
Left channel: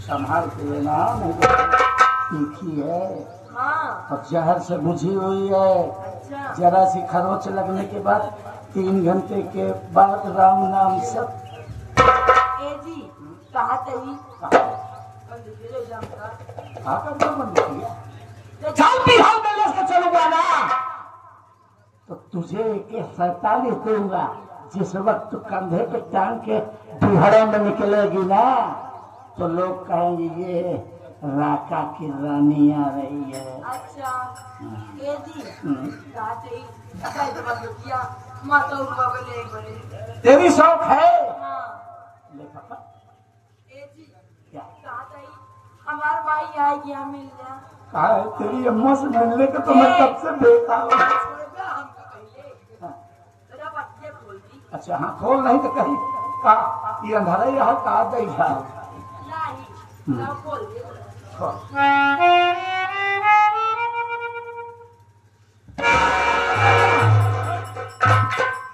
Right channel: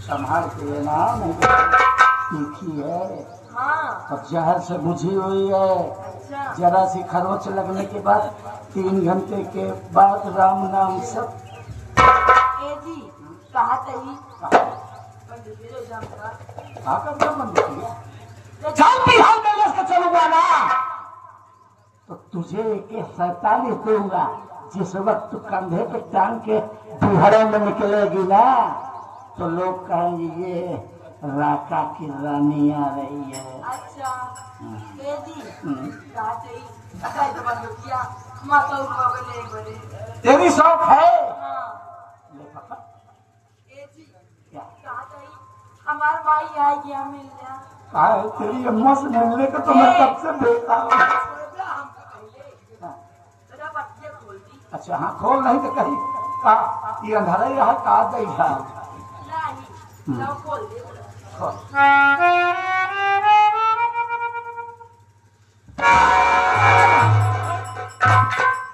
संभाल के लेना, नहीं तीखी है और जहर से बुझी हुई है। जरा सी खरोच लगने के बाद 3 घंटे के बाद राम नाम सब जल्दी हाल में लेकर चलूंगा ना तो तुझे एक 47 दूंगा। जिस वक्त कंधे पे टांग के बिहड़े में निकलेगी ना तो लोग कहेंगे ये राका की रानी आ रही है। अच्छा तेरी शौक है ले पकड़। क्या हमार माई आएगी मिल जा। कहा है तेरी अम्मा से मिलने को तो मैं कब से देखा हूँ। अच्छा हाँ खोल नहीं तो कहीं का ये अंधारा ही रहा का बैठा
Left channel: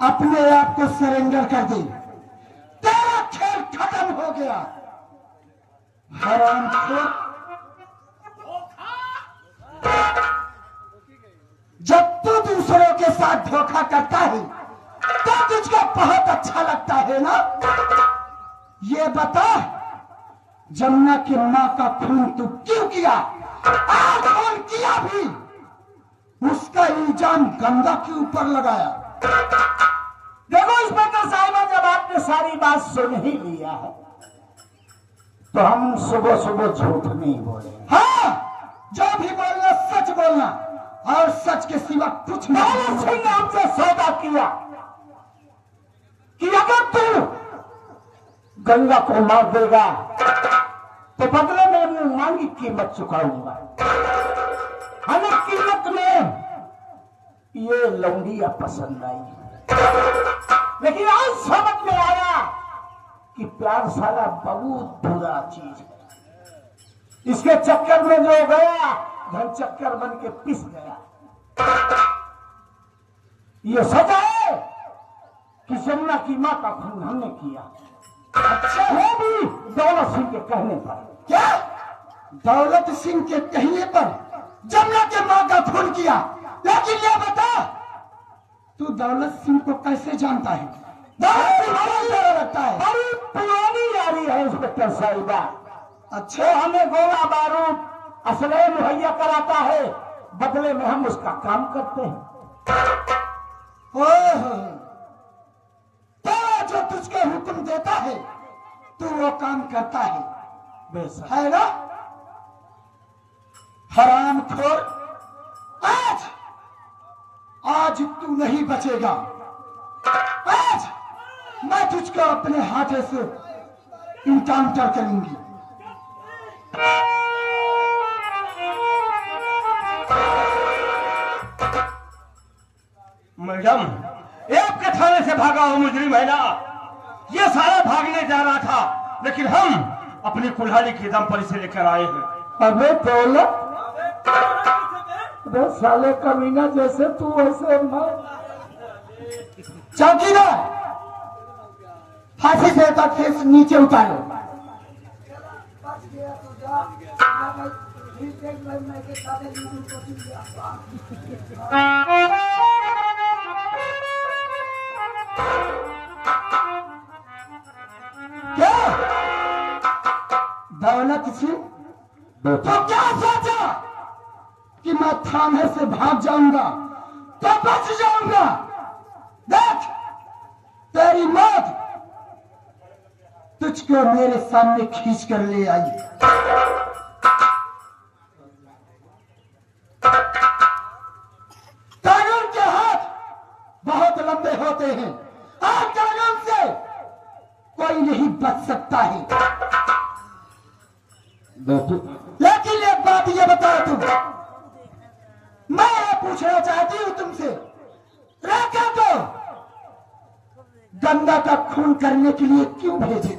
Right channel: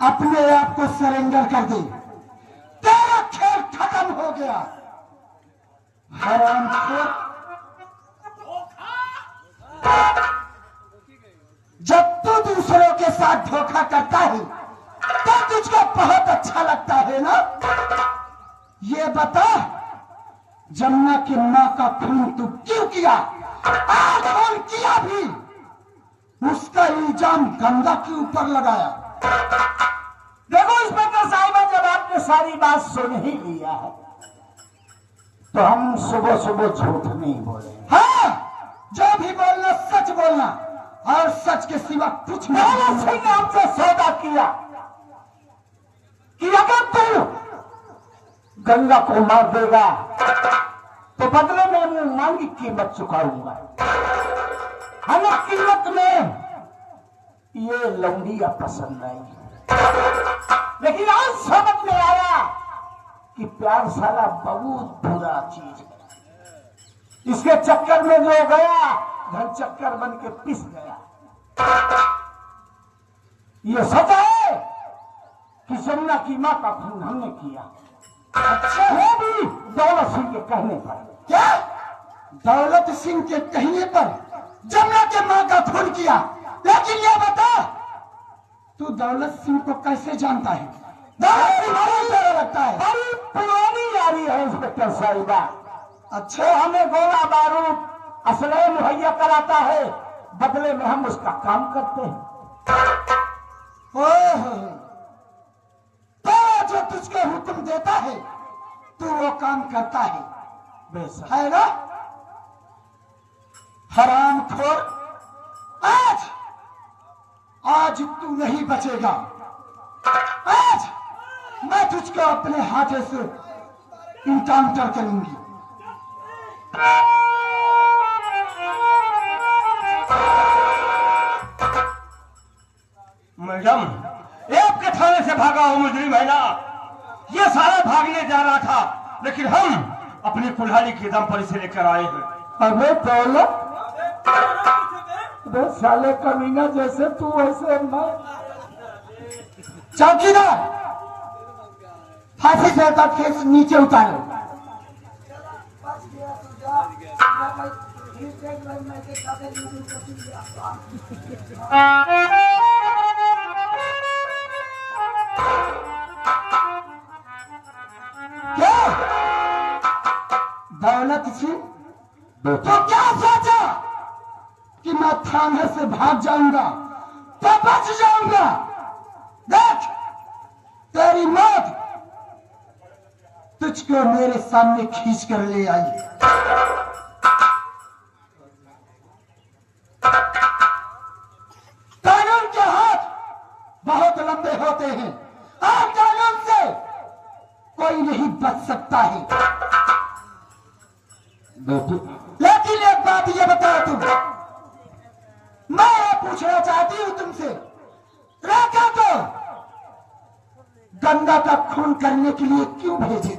अपने आप को सरेंडर कर दी, तेरा खेल खत्म हो गया। हरामखोर, जब तू दूसरों के साथ धोखा करता है तो तुझको बहुत अच्छा लगता है ना। ये बता जमुना की मां का खून तू क्यों किया, और खून किया भी उसका इल्जाम गंगा के ऊपर लगाया। देखो इंस्पेक्टर साहिबा, जब आपने सारी बात सुन ही लिया है तो हम सुबह सुबह झूठ नहीं बोले। हाँ, जो भी बोलना सच बोलना और सच के सिवा कुछ नहीं। सिंह ने हमसे सौदा किया कि अगर तू गंगा को मार देगा तो बदले में मैं मांगी कीमत चुकाऊंगा। हमें कीमत में ये लौंडिया पसंद आई, लेकिन आज समझ में आया कि प्यार साला बहुत बुरा चीज है। इसके चक्कर में जो गया धन चक्कर बन के पिस गया। ये सच है कि जमुना की मां का खून हमने किया। अच्छा, वो भी दौलत सिंह के कहने पर। क्या दौलत सिंह के कहने पर जमुना के मां का खून किया? लेकिन ये बता तू दौलत सिंह को कैसे जानता है? दौलत सिंह कौन तरह लगता है? बड़ी पुरानी यारी है इंस्पेक्टर साहिबा। अच्छा, हमें गोला बारूद असलहे मुहैया कराता है, बदले में हम उसका काम करते हैं। ओह, तेरा जो तुझको हुक्म देता है तू वो काम करता है, बेशक है ना? हरामखोर, आज आज तू नहीं बचेगा। आज मैं तुझको अपने हाथों से इनकाउंटर करूंगी। मैडम, एक के थाने से भागा हुआ मुजरिम है ना। ये सारा भागने जा रहा था, लेकिन हम अपनी कुल्हाड़ी के दम पर इसे लेकर आए हैं। अबे दौलत, अबे साले कमीना, जैसे तू वैसे मैं। चौकीदार, फांसी देता केस नीचे उतारो। क्या दौलत सिंह, तो क्या सोचा कि मैं थाने से भाग जाऊंगा तो बच जाऊंगा? देख, तेरी मौत तुझको मेरे सामने खींच कर ले आई। कानून के हाथ बहुत लंबे होते हैं और कानून से कोई नहीं बच सकता है। लेकिन एक बात ये बताओ तुम, मैं ये पूछना चाहती हूं तुमसे, राका को गंगा का खून करने के लिए क्यों भेजे थे?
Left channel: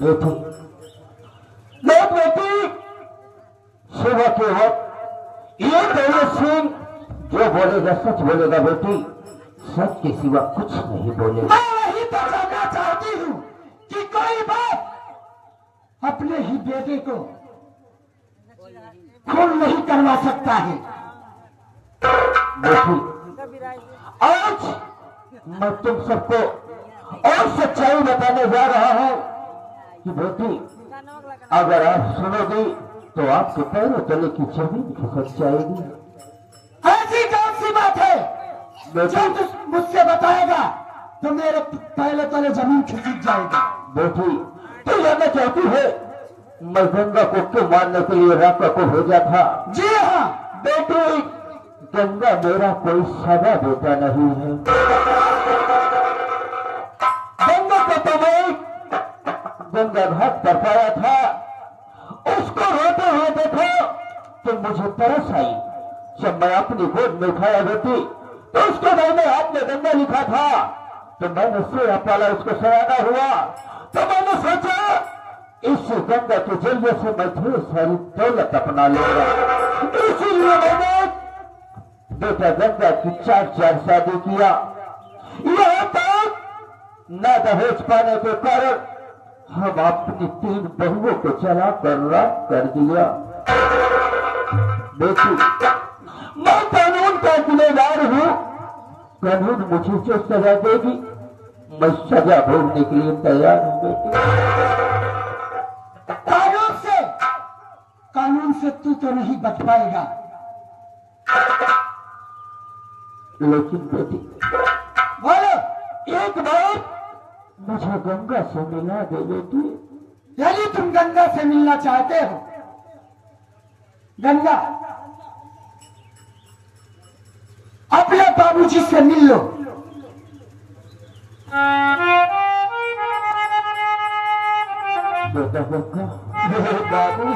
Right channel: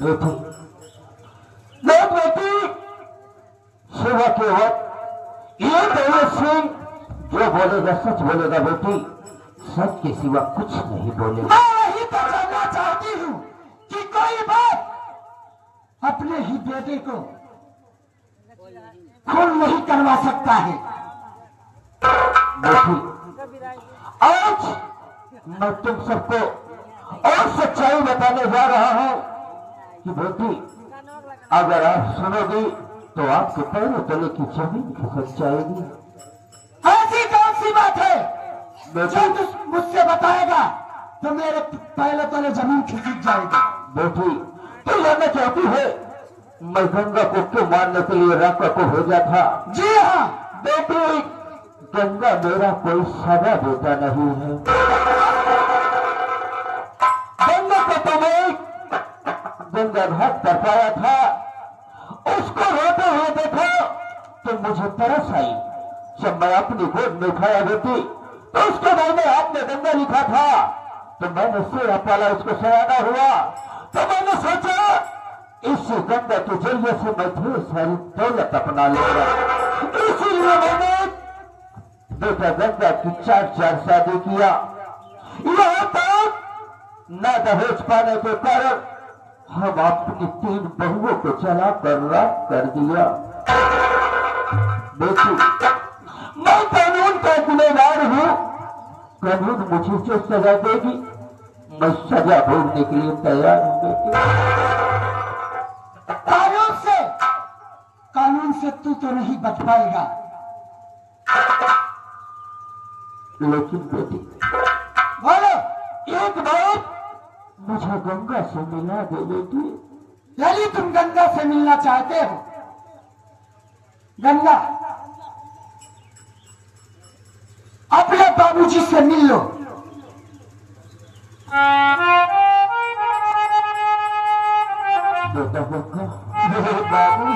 बेटी, देख बेटी, सुबह के वक्त ये दौलत सिंह जो बोलेगा सच बोलेगा बेटी, सच के सिवा कुछ नहीं बोलेगा। मैं यही तो जानना चाहती हूँ कि कोई बात अपने ही बेटे को खून नहीं करवा सकता है। बेटी, आज मैं तुम सबको और सच्चाई बताने जा रहा हूं कि बेटी, अगर आप सुनोगी तो आपके पैरों तले की जमीन खिसक जाएगी। ऐसी कौन सी बात है जो तू मुझसे बताएगा तो मेरे पहले तले जमीन खिसक जाएगी? बेटी, तू जानना चाहती है मैं गंगा को क्यों मारने के लिए राका को भेजा था? जी हाँ बेटी, गंगा मेरा कोई सादा बेटा नहीं है। गंगा को तो मैं गंगा घाट पर पाया था, उसको रोते हुए देखो तो मुझे तरस आई। जब मैं अपनी गोद में उठाया बेटी तो उसके मैंने हाथ में गंगा लिखा था, तो मैंने सेवा पाला, उसको सयाना हुआ, तो मैंने सोचा इस गंगा के जरिए से मैं ढेर सारी दौलत अपना लूंगा। इसीलिए मैंने बेटा गंगा की 4 शादी किया। यहाँ तक न दहेज पाने के कारण हम अपनी 3 बहुओं को चला कर राख कर दिया। बेटी, मैं कानून का गुनहगार हूँ, कानून मुझे जो सजा देगी मैं सजा भोगने के लिए तैयार हूँ। बेटी, कानून से तू तो नहीं बच पाएगा। लेकिन बेटी, बोलो, एक बार मुझे गंगा से मिला दे बेटी। यदि तुम गंगा से मिलना चाहते हो, गंगा अपने बाबूजी से मिल लो। बेटा गंगा, मेरे बाबू,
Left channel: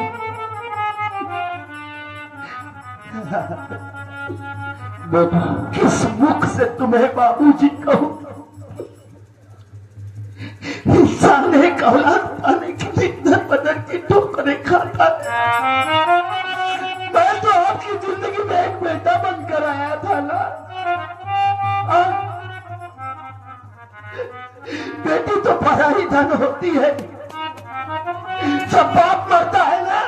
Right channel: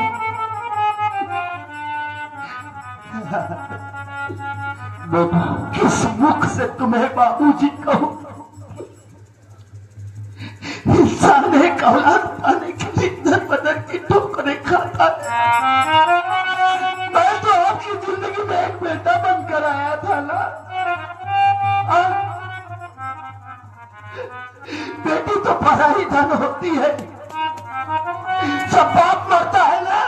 बेटा, किस मुख से तुम्हें बाबूजी कहूं? इंसान एक औलाद पाने के लिए दर बदर की ठोकरें खाता है। मैं तो आपकी जिंदगी में एक बेटा बनकर आया था ना। बेटी तो पराई धन होती है, सब बाप मरता है ना,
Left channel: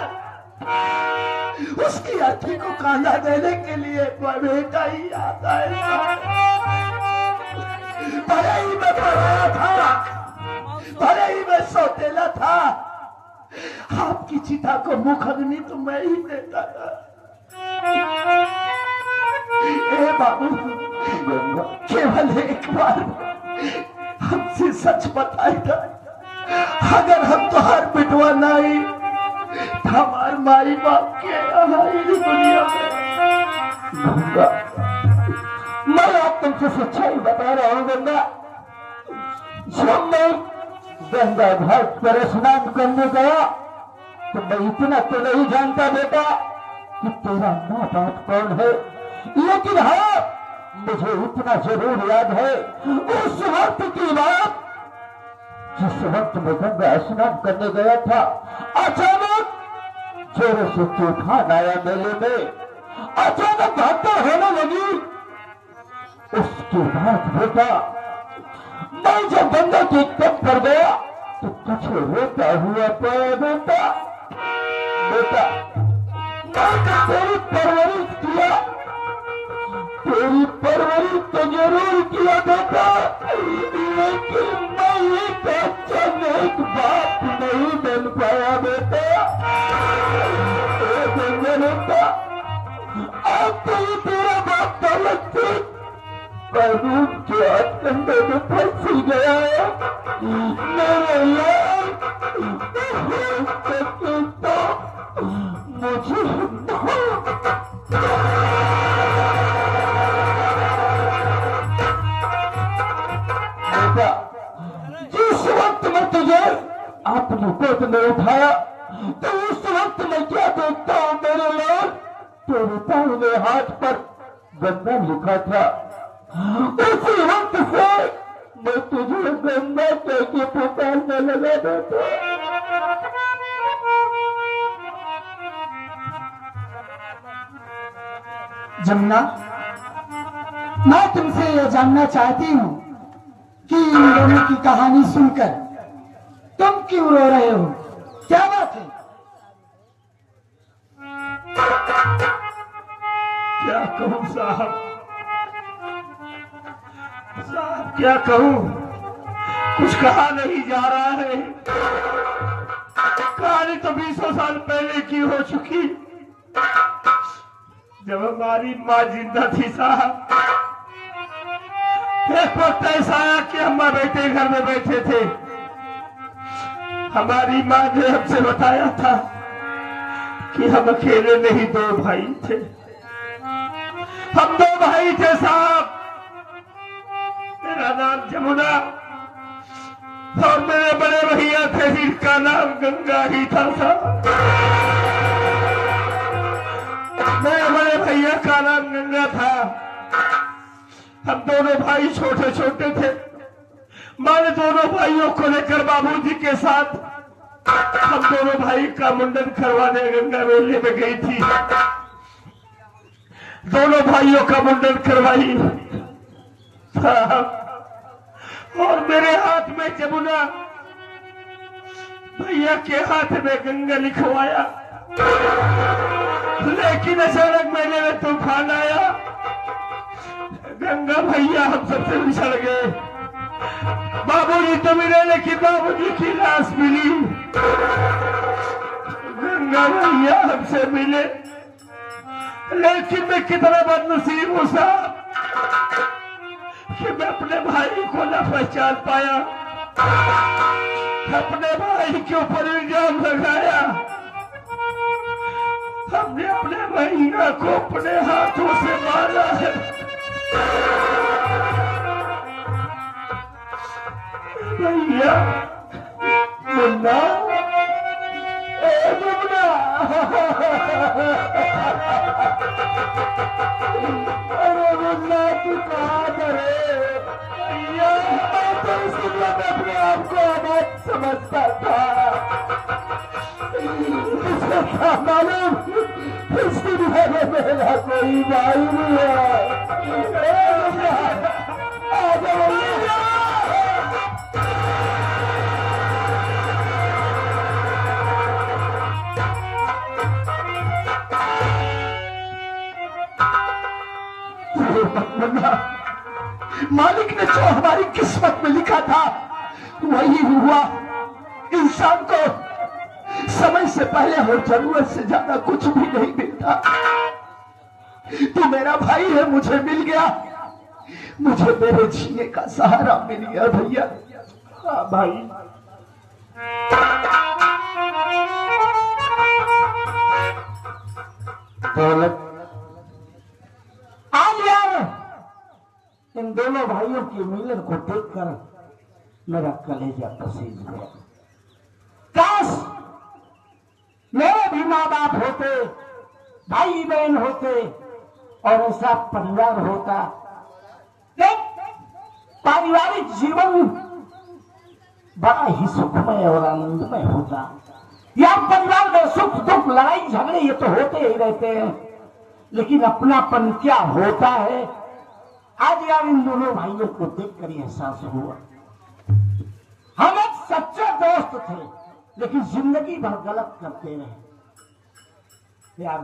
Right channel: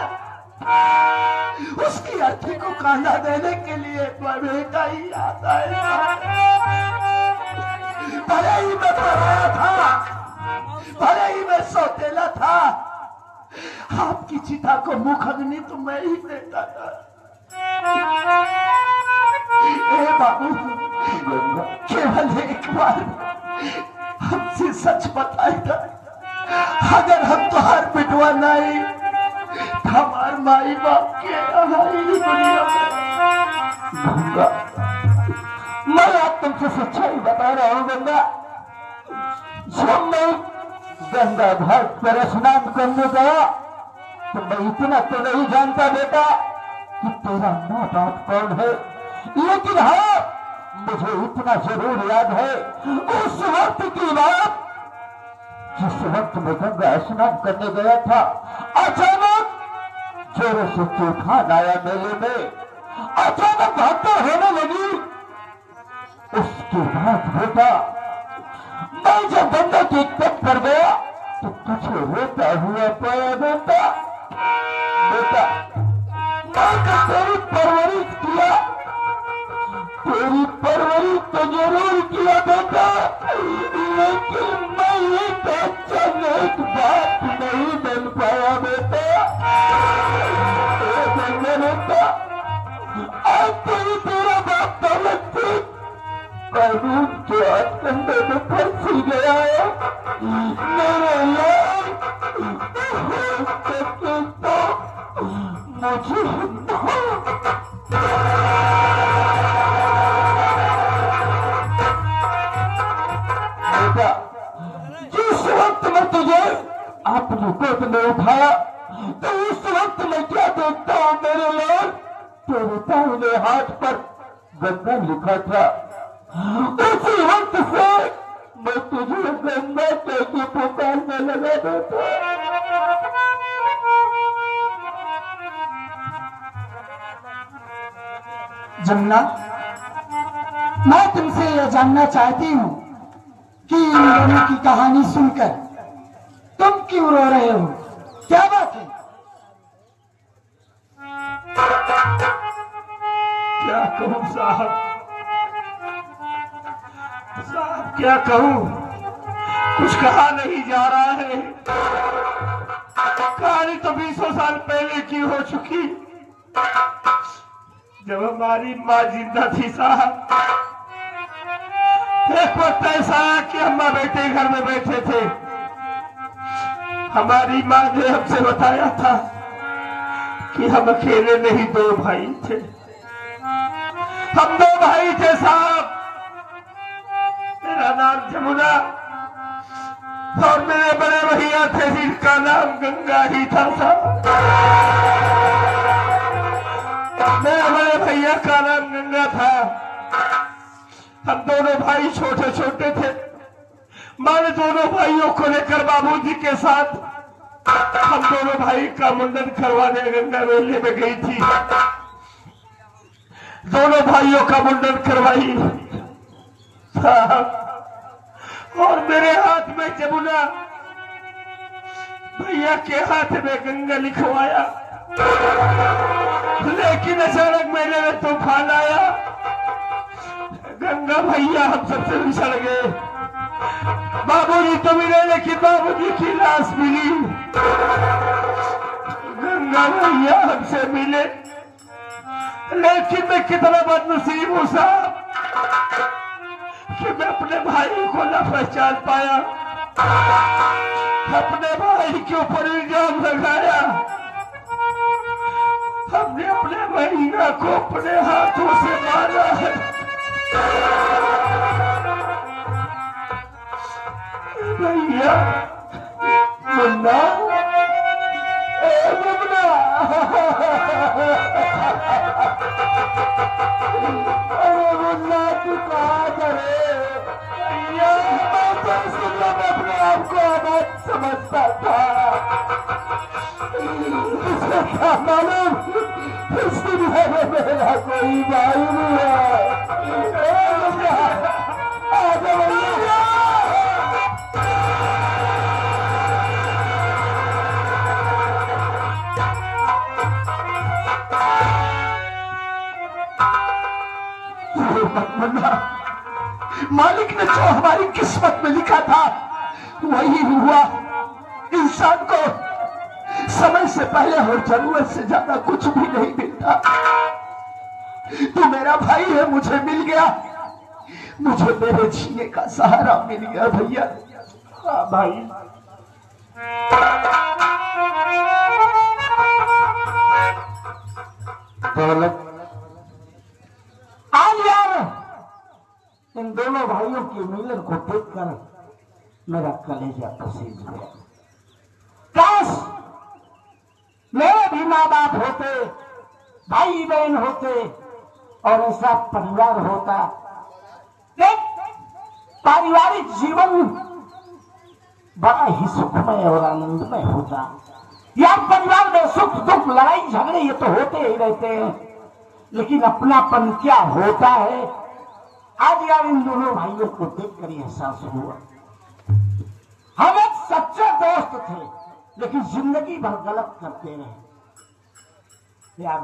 उसकी अर्थी को कांधा देने के लिए बेटा ही आता है। भले ही मैं पराया था, भले ही मैं सौतेला था, आपकी चिता को मुख अग्नि तो मैं ही देता था। ए बाबू, केवल एक बार हमसे सच बताएगा, अगर हम तो हर बिटवा नहीं हमार माई बाप के दुनिया में। गंगा, मैं आज तुमसे सच्चाई बता रहा हूँ। गंगा, जब मैं गंगा घाट पर स्नान करने गया तो मैं इतना तो नहीं जानता बेटा कि तेरा माँ बाप कौन है, लेकिन हाँ, मुझे इतना जरूर याद है उस वक्त की बात जिस वक्त मैं गंगा स्नान करने गया था। अचानक जोरों से तूफान आया मेले में, अचानक घटना होने लगी। उसके बाद बेटा, मैं जब गंगा के तट पर गया तो तुझे रोता हुआ पाया बेटा। बेटा, मैंने तेरी परवरिश किया, तेरी परवरिश तो जरूर किया बेटा, लेकिन मैं एक अच्छा नेक बाप नहीं बन पाया बेटा। बेटा, आज तो ही तेरा बाप दौलत से कानून के हथकंडे में फंसी गया है। मेरे लाल मुझे बेटा, जिस वक्त मैं तुझे अपनी गोद में उठाया तो उस वक्त मैं क्या देखता हूँ मेरे लाल, तेरे दाहिने हाथ पर गंगा लिखा था। उसी वक्त से मैं तुझे गंगा कह के पुकारने लगा बेटा। जमुना, मैं तुमसे ये जानना चाहती हूँ कि इन दोनों की कहानी सुनकर तुम क्यों रो रहे हो? क्या बात है? क्या कहूँ साहब, साहब क्या कहूँ, कुछ कहा नहीं जा रहा है। कहानी तो 20 साल पहले की हो चुकी, जब हमारी माँ जिंदा थी साहब। एक वक्त ऐसा आया कि अम्मा बेटे घर में बैठे थे। हमारी माँ ने हमसे बताया था कि हम अकेले नहीं, 2 भाई थे। हम 2 भाई थे साहब। मेरा नाम जमुना और मेरे बड़े भैया थे जिनका नाम गंगा ही था साहब। मेरे बड़े भैया का नाम गंगा था। हम दोनों भाई छोटे छोटे थे। माँ ने दोनों भाइयों को लेकर बाबूजी के साथ हम दोनों भाई का मुंडन करवाने गंगा मेले में गई थी। दोनों भाइयों का मुंडन करवाई और मेरे हाथ में जमुना, भैया के हाथ में गंगा लिखवाया। लेकिन अचानक मेले में तूफान आया, गंगा भैया हम सबसे बिछड़ गए। बाबूजी तो मिले लेकिन बाबूजी की लाश मिली। गंगा भैया हमसे मिले, लेकिन मैं कितना बदनसीब हूँ साहब कि मैं अपने भाई को न पहचान पाया। अपने भाई के ऊपर इल्जाम लगाया। हमने अपने भैया को अपने हाथों से मारा है। भैया मुन्ना, ए मुन्ना, अरे मुन्ना तू कहाँ करे? भैया मैं तो इस दुनिया में अपने आप को अनाथ समझता था। मुझे क्या मालूम इस दुनिया में मेरा कोई भाई नहीं है। ए मुन्ना, आ जाओ भैया। मालिक ने जो हमारी किस्मत में लिखा था वही हुआ। इंसान को समय से पहले और जरूरत से ज्यादा कुछ भी नहीं मिलता। तू मेरा भाई है, मुझे मिल गया, मुझे मेरे जीने का सहारा मिल गया भैया। हाँ भाई, दौलत आज यार इन दोनों भाइयों के मिलन को देखकर मेरा कलेजा पसीज गया। काश मेरे भी माँ बाप होते, भाई बहन होते और ऐसा परिवार होता। देख, पारिवारिक जीवन बड़ा ही सुखमय और आनंदमय होता। यार परिवार में सुख दुख लड़ाई झगड़े ये तो होते ही रहते हैं, लेकिन अपनापन क्या होता है आज यार इन दोनों भाइयों को देखकर एहसास हुआ। हम एक सच्चे दोस्त थे, लेकिन जिंदगी भर गलत करते रहे। यार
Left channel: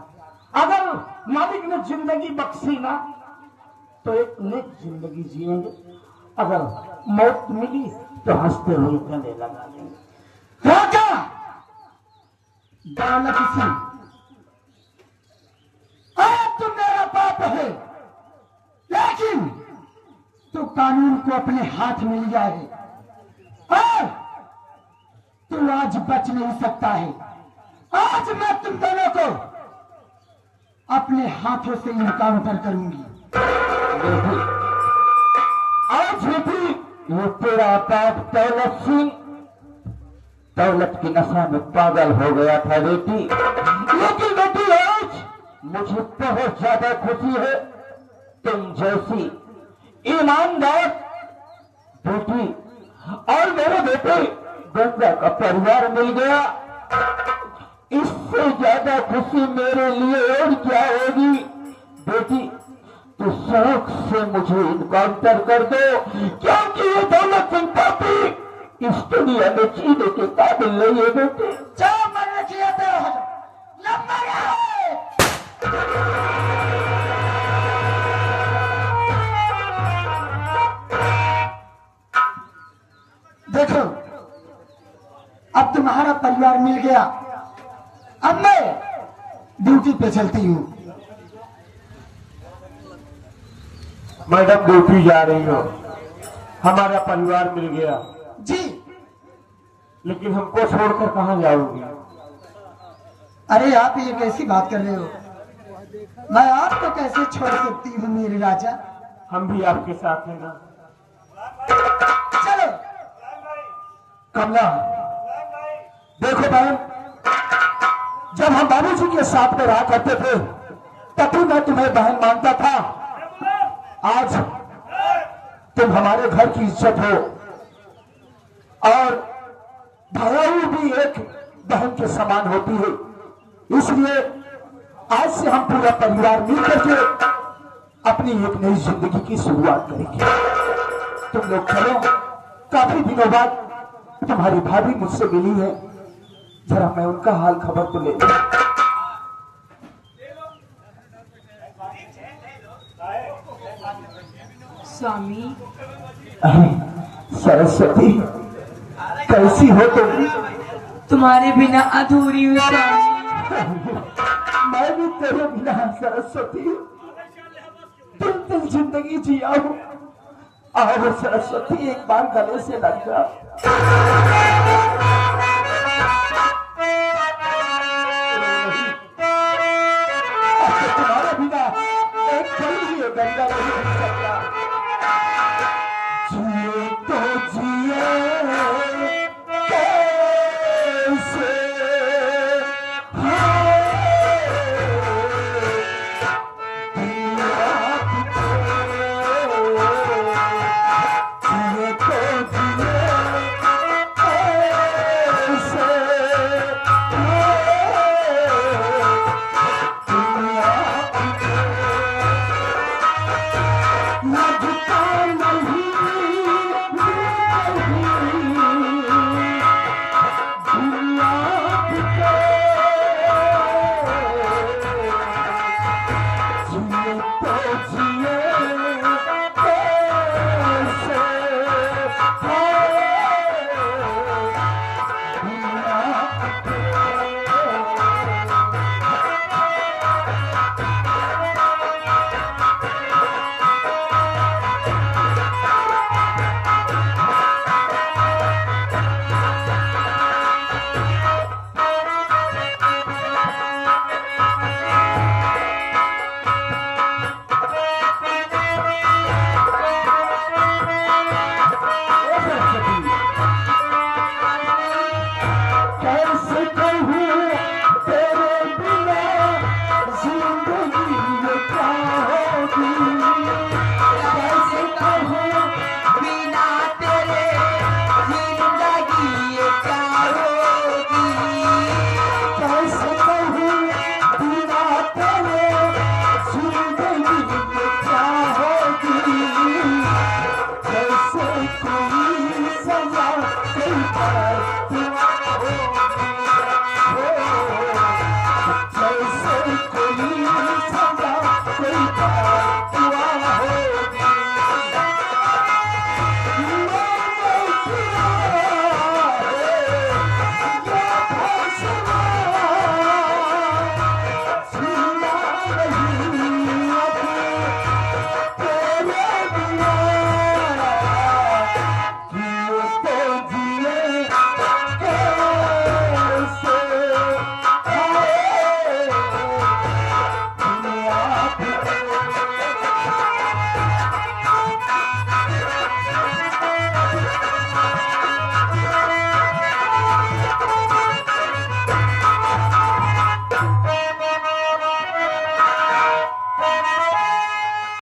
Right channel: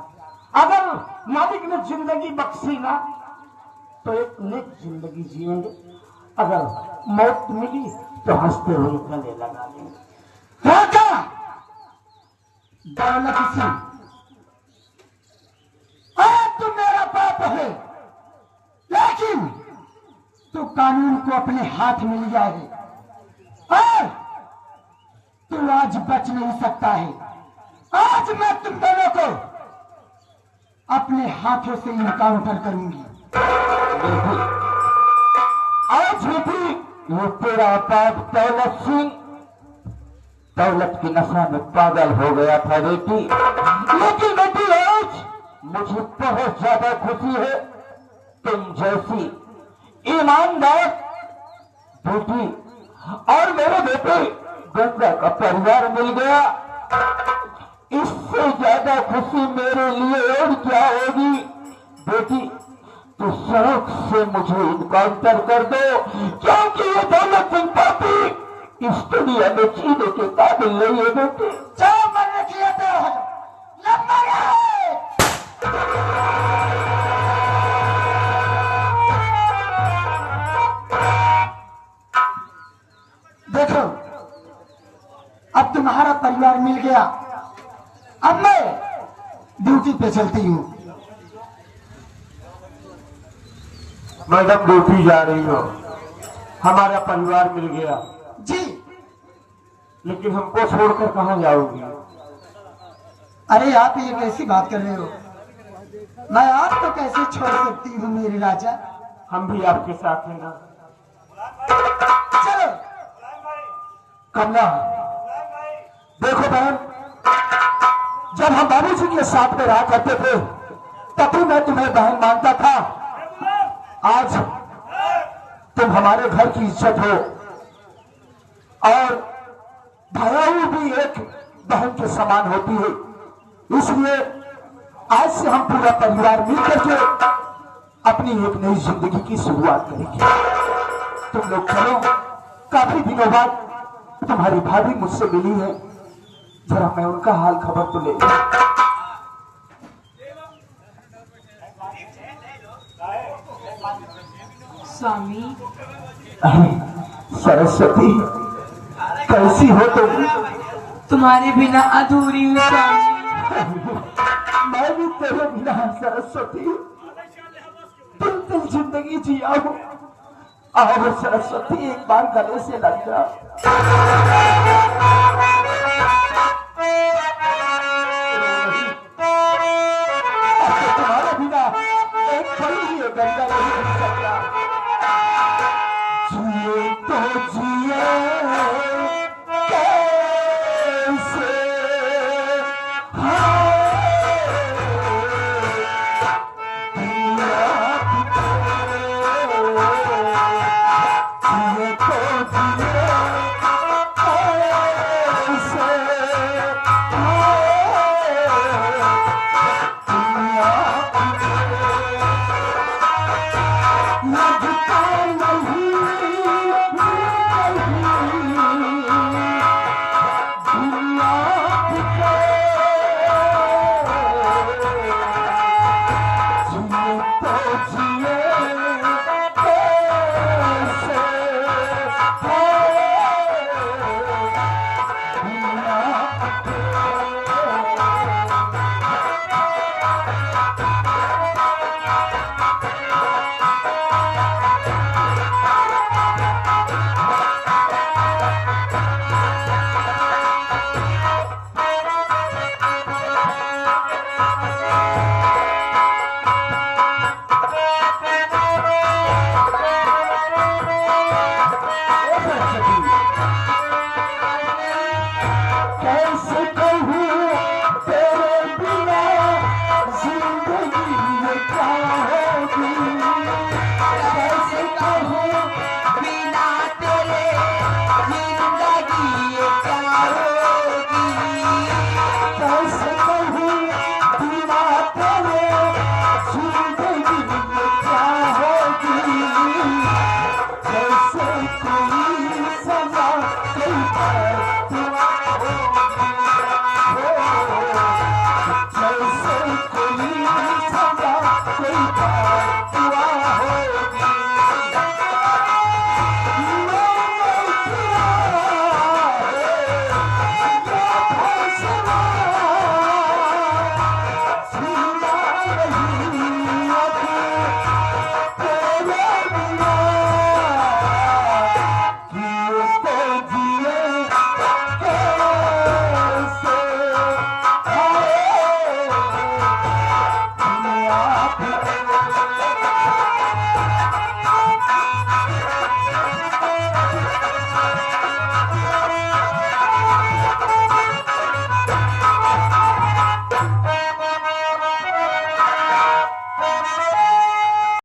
अगर मालिक ने जिंदगी बख्शी ना तो एक नेक जिंदगी जिएंगे, अगर मौत मिली तो हंसते हुए गले लगा लेंगे। राजा दौलत सिंह, तू मेरा बाप है, लेकिन तू कानून को अपने हाथ में लिया है और तू आज बच नहीं सकता है। आज मैं तुम दोनों को अपने हाथों से इनकाउंटर करूंगी। आज भी ये तेरा बाप दौलत सिंह दौलत की नशा में पागल हो गया था बेटी, लेकिन बेटी आज मुझे बहुत ज्यादा खुशी है तुम जैसी ईमानदार बेटी और मेरे बेटे गंगा का परिवार मिल गया। इससे ज्यादा खुशी मेरे लिए और क्या होगी। बेटी तो शौक से मुझे इनकाउंटर कर दो, क्योंकि ये दौलत संपत्ति इस दुनिया में जीने के काबिल नहीं है। बेटे जो मरने की है तेरा हो नंबर है। देखो अब तुम्हारा परिवार मिल गया, अब मैं ड्यूटी पे चलती हूँ। मैडम ड्यूटी जा रही हो, हमारा परिवार मिल गया, जी लेकिन हमको छोड़कर कहाँ जाओगी। अरे आप ये कैसी बात कर रहे हो, मैं आपको कैसे छोड़ सकती हूँ मेरे राजा। हम भी आपके साथ हैं ना। चलो कमला देखो बहन, जब हम बाबूजी के साथ में रहा करते थे तभी मैं तुम्हें बहन मानता था। आज तुम हमारे घर की इज्जत हो और भाई भी एक बहन के समान होती है, इसलिए आज से हम पूरा परिवार मिलकर के अपनी एक नई जिंदगी की शुरुआत करेंगे। तुम लोग चलो, काफी दिनों बाद तुम्हारी भाभी मुझसे मिली है, जरा मैं उनका हाल खबर तो ले लूं। स्वामी सरस्वती कैसी हो तुम? तुम्हारे बिना अधूरी हूँ स्वामी। मैं भी तेरे बिना सरस्वती दिल जिंदगी जिया हूँ। आओ सरस्वती एक बार गले से लग जा। तुम्हारे बिना एक पल भी गंगा नहीं बन सकता। जिए तो जिए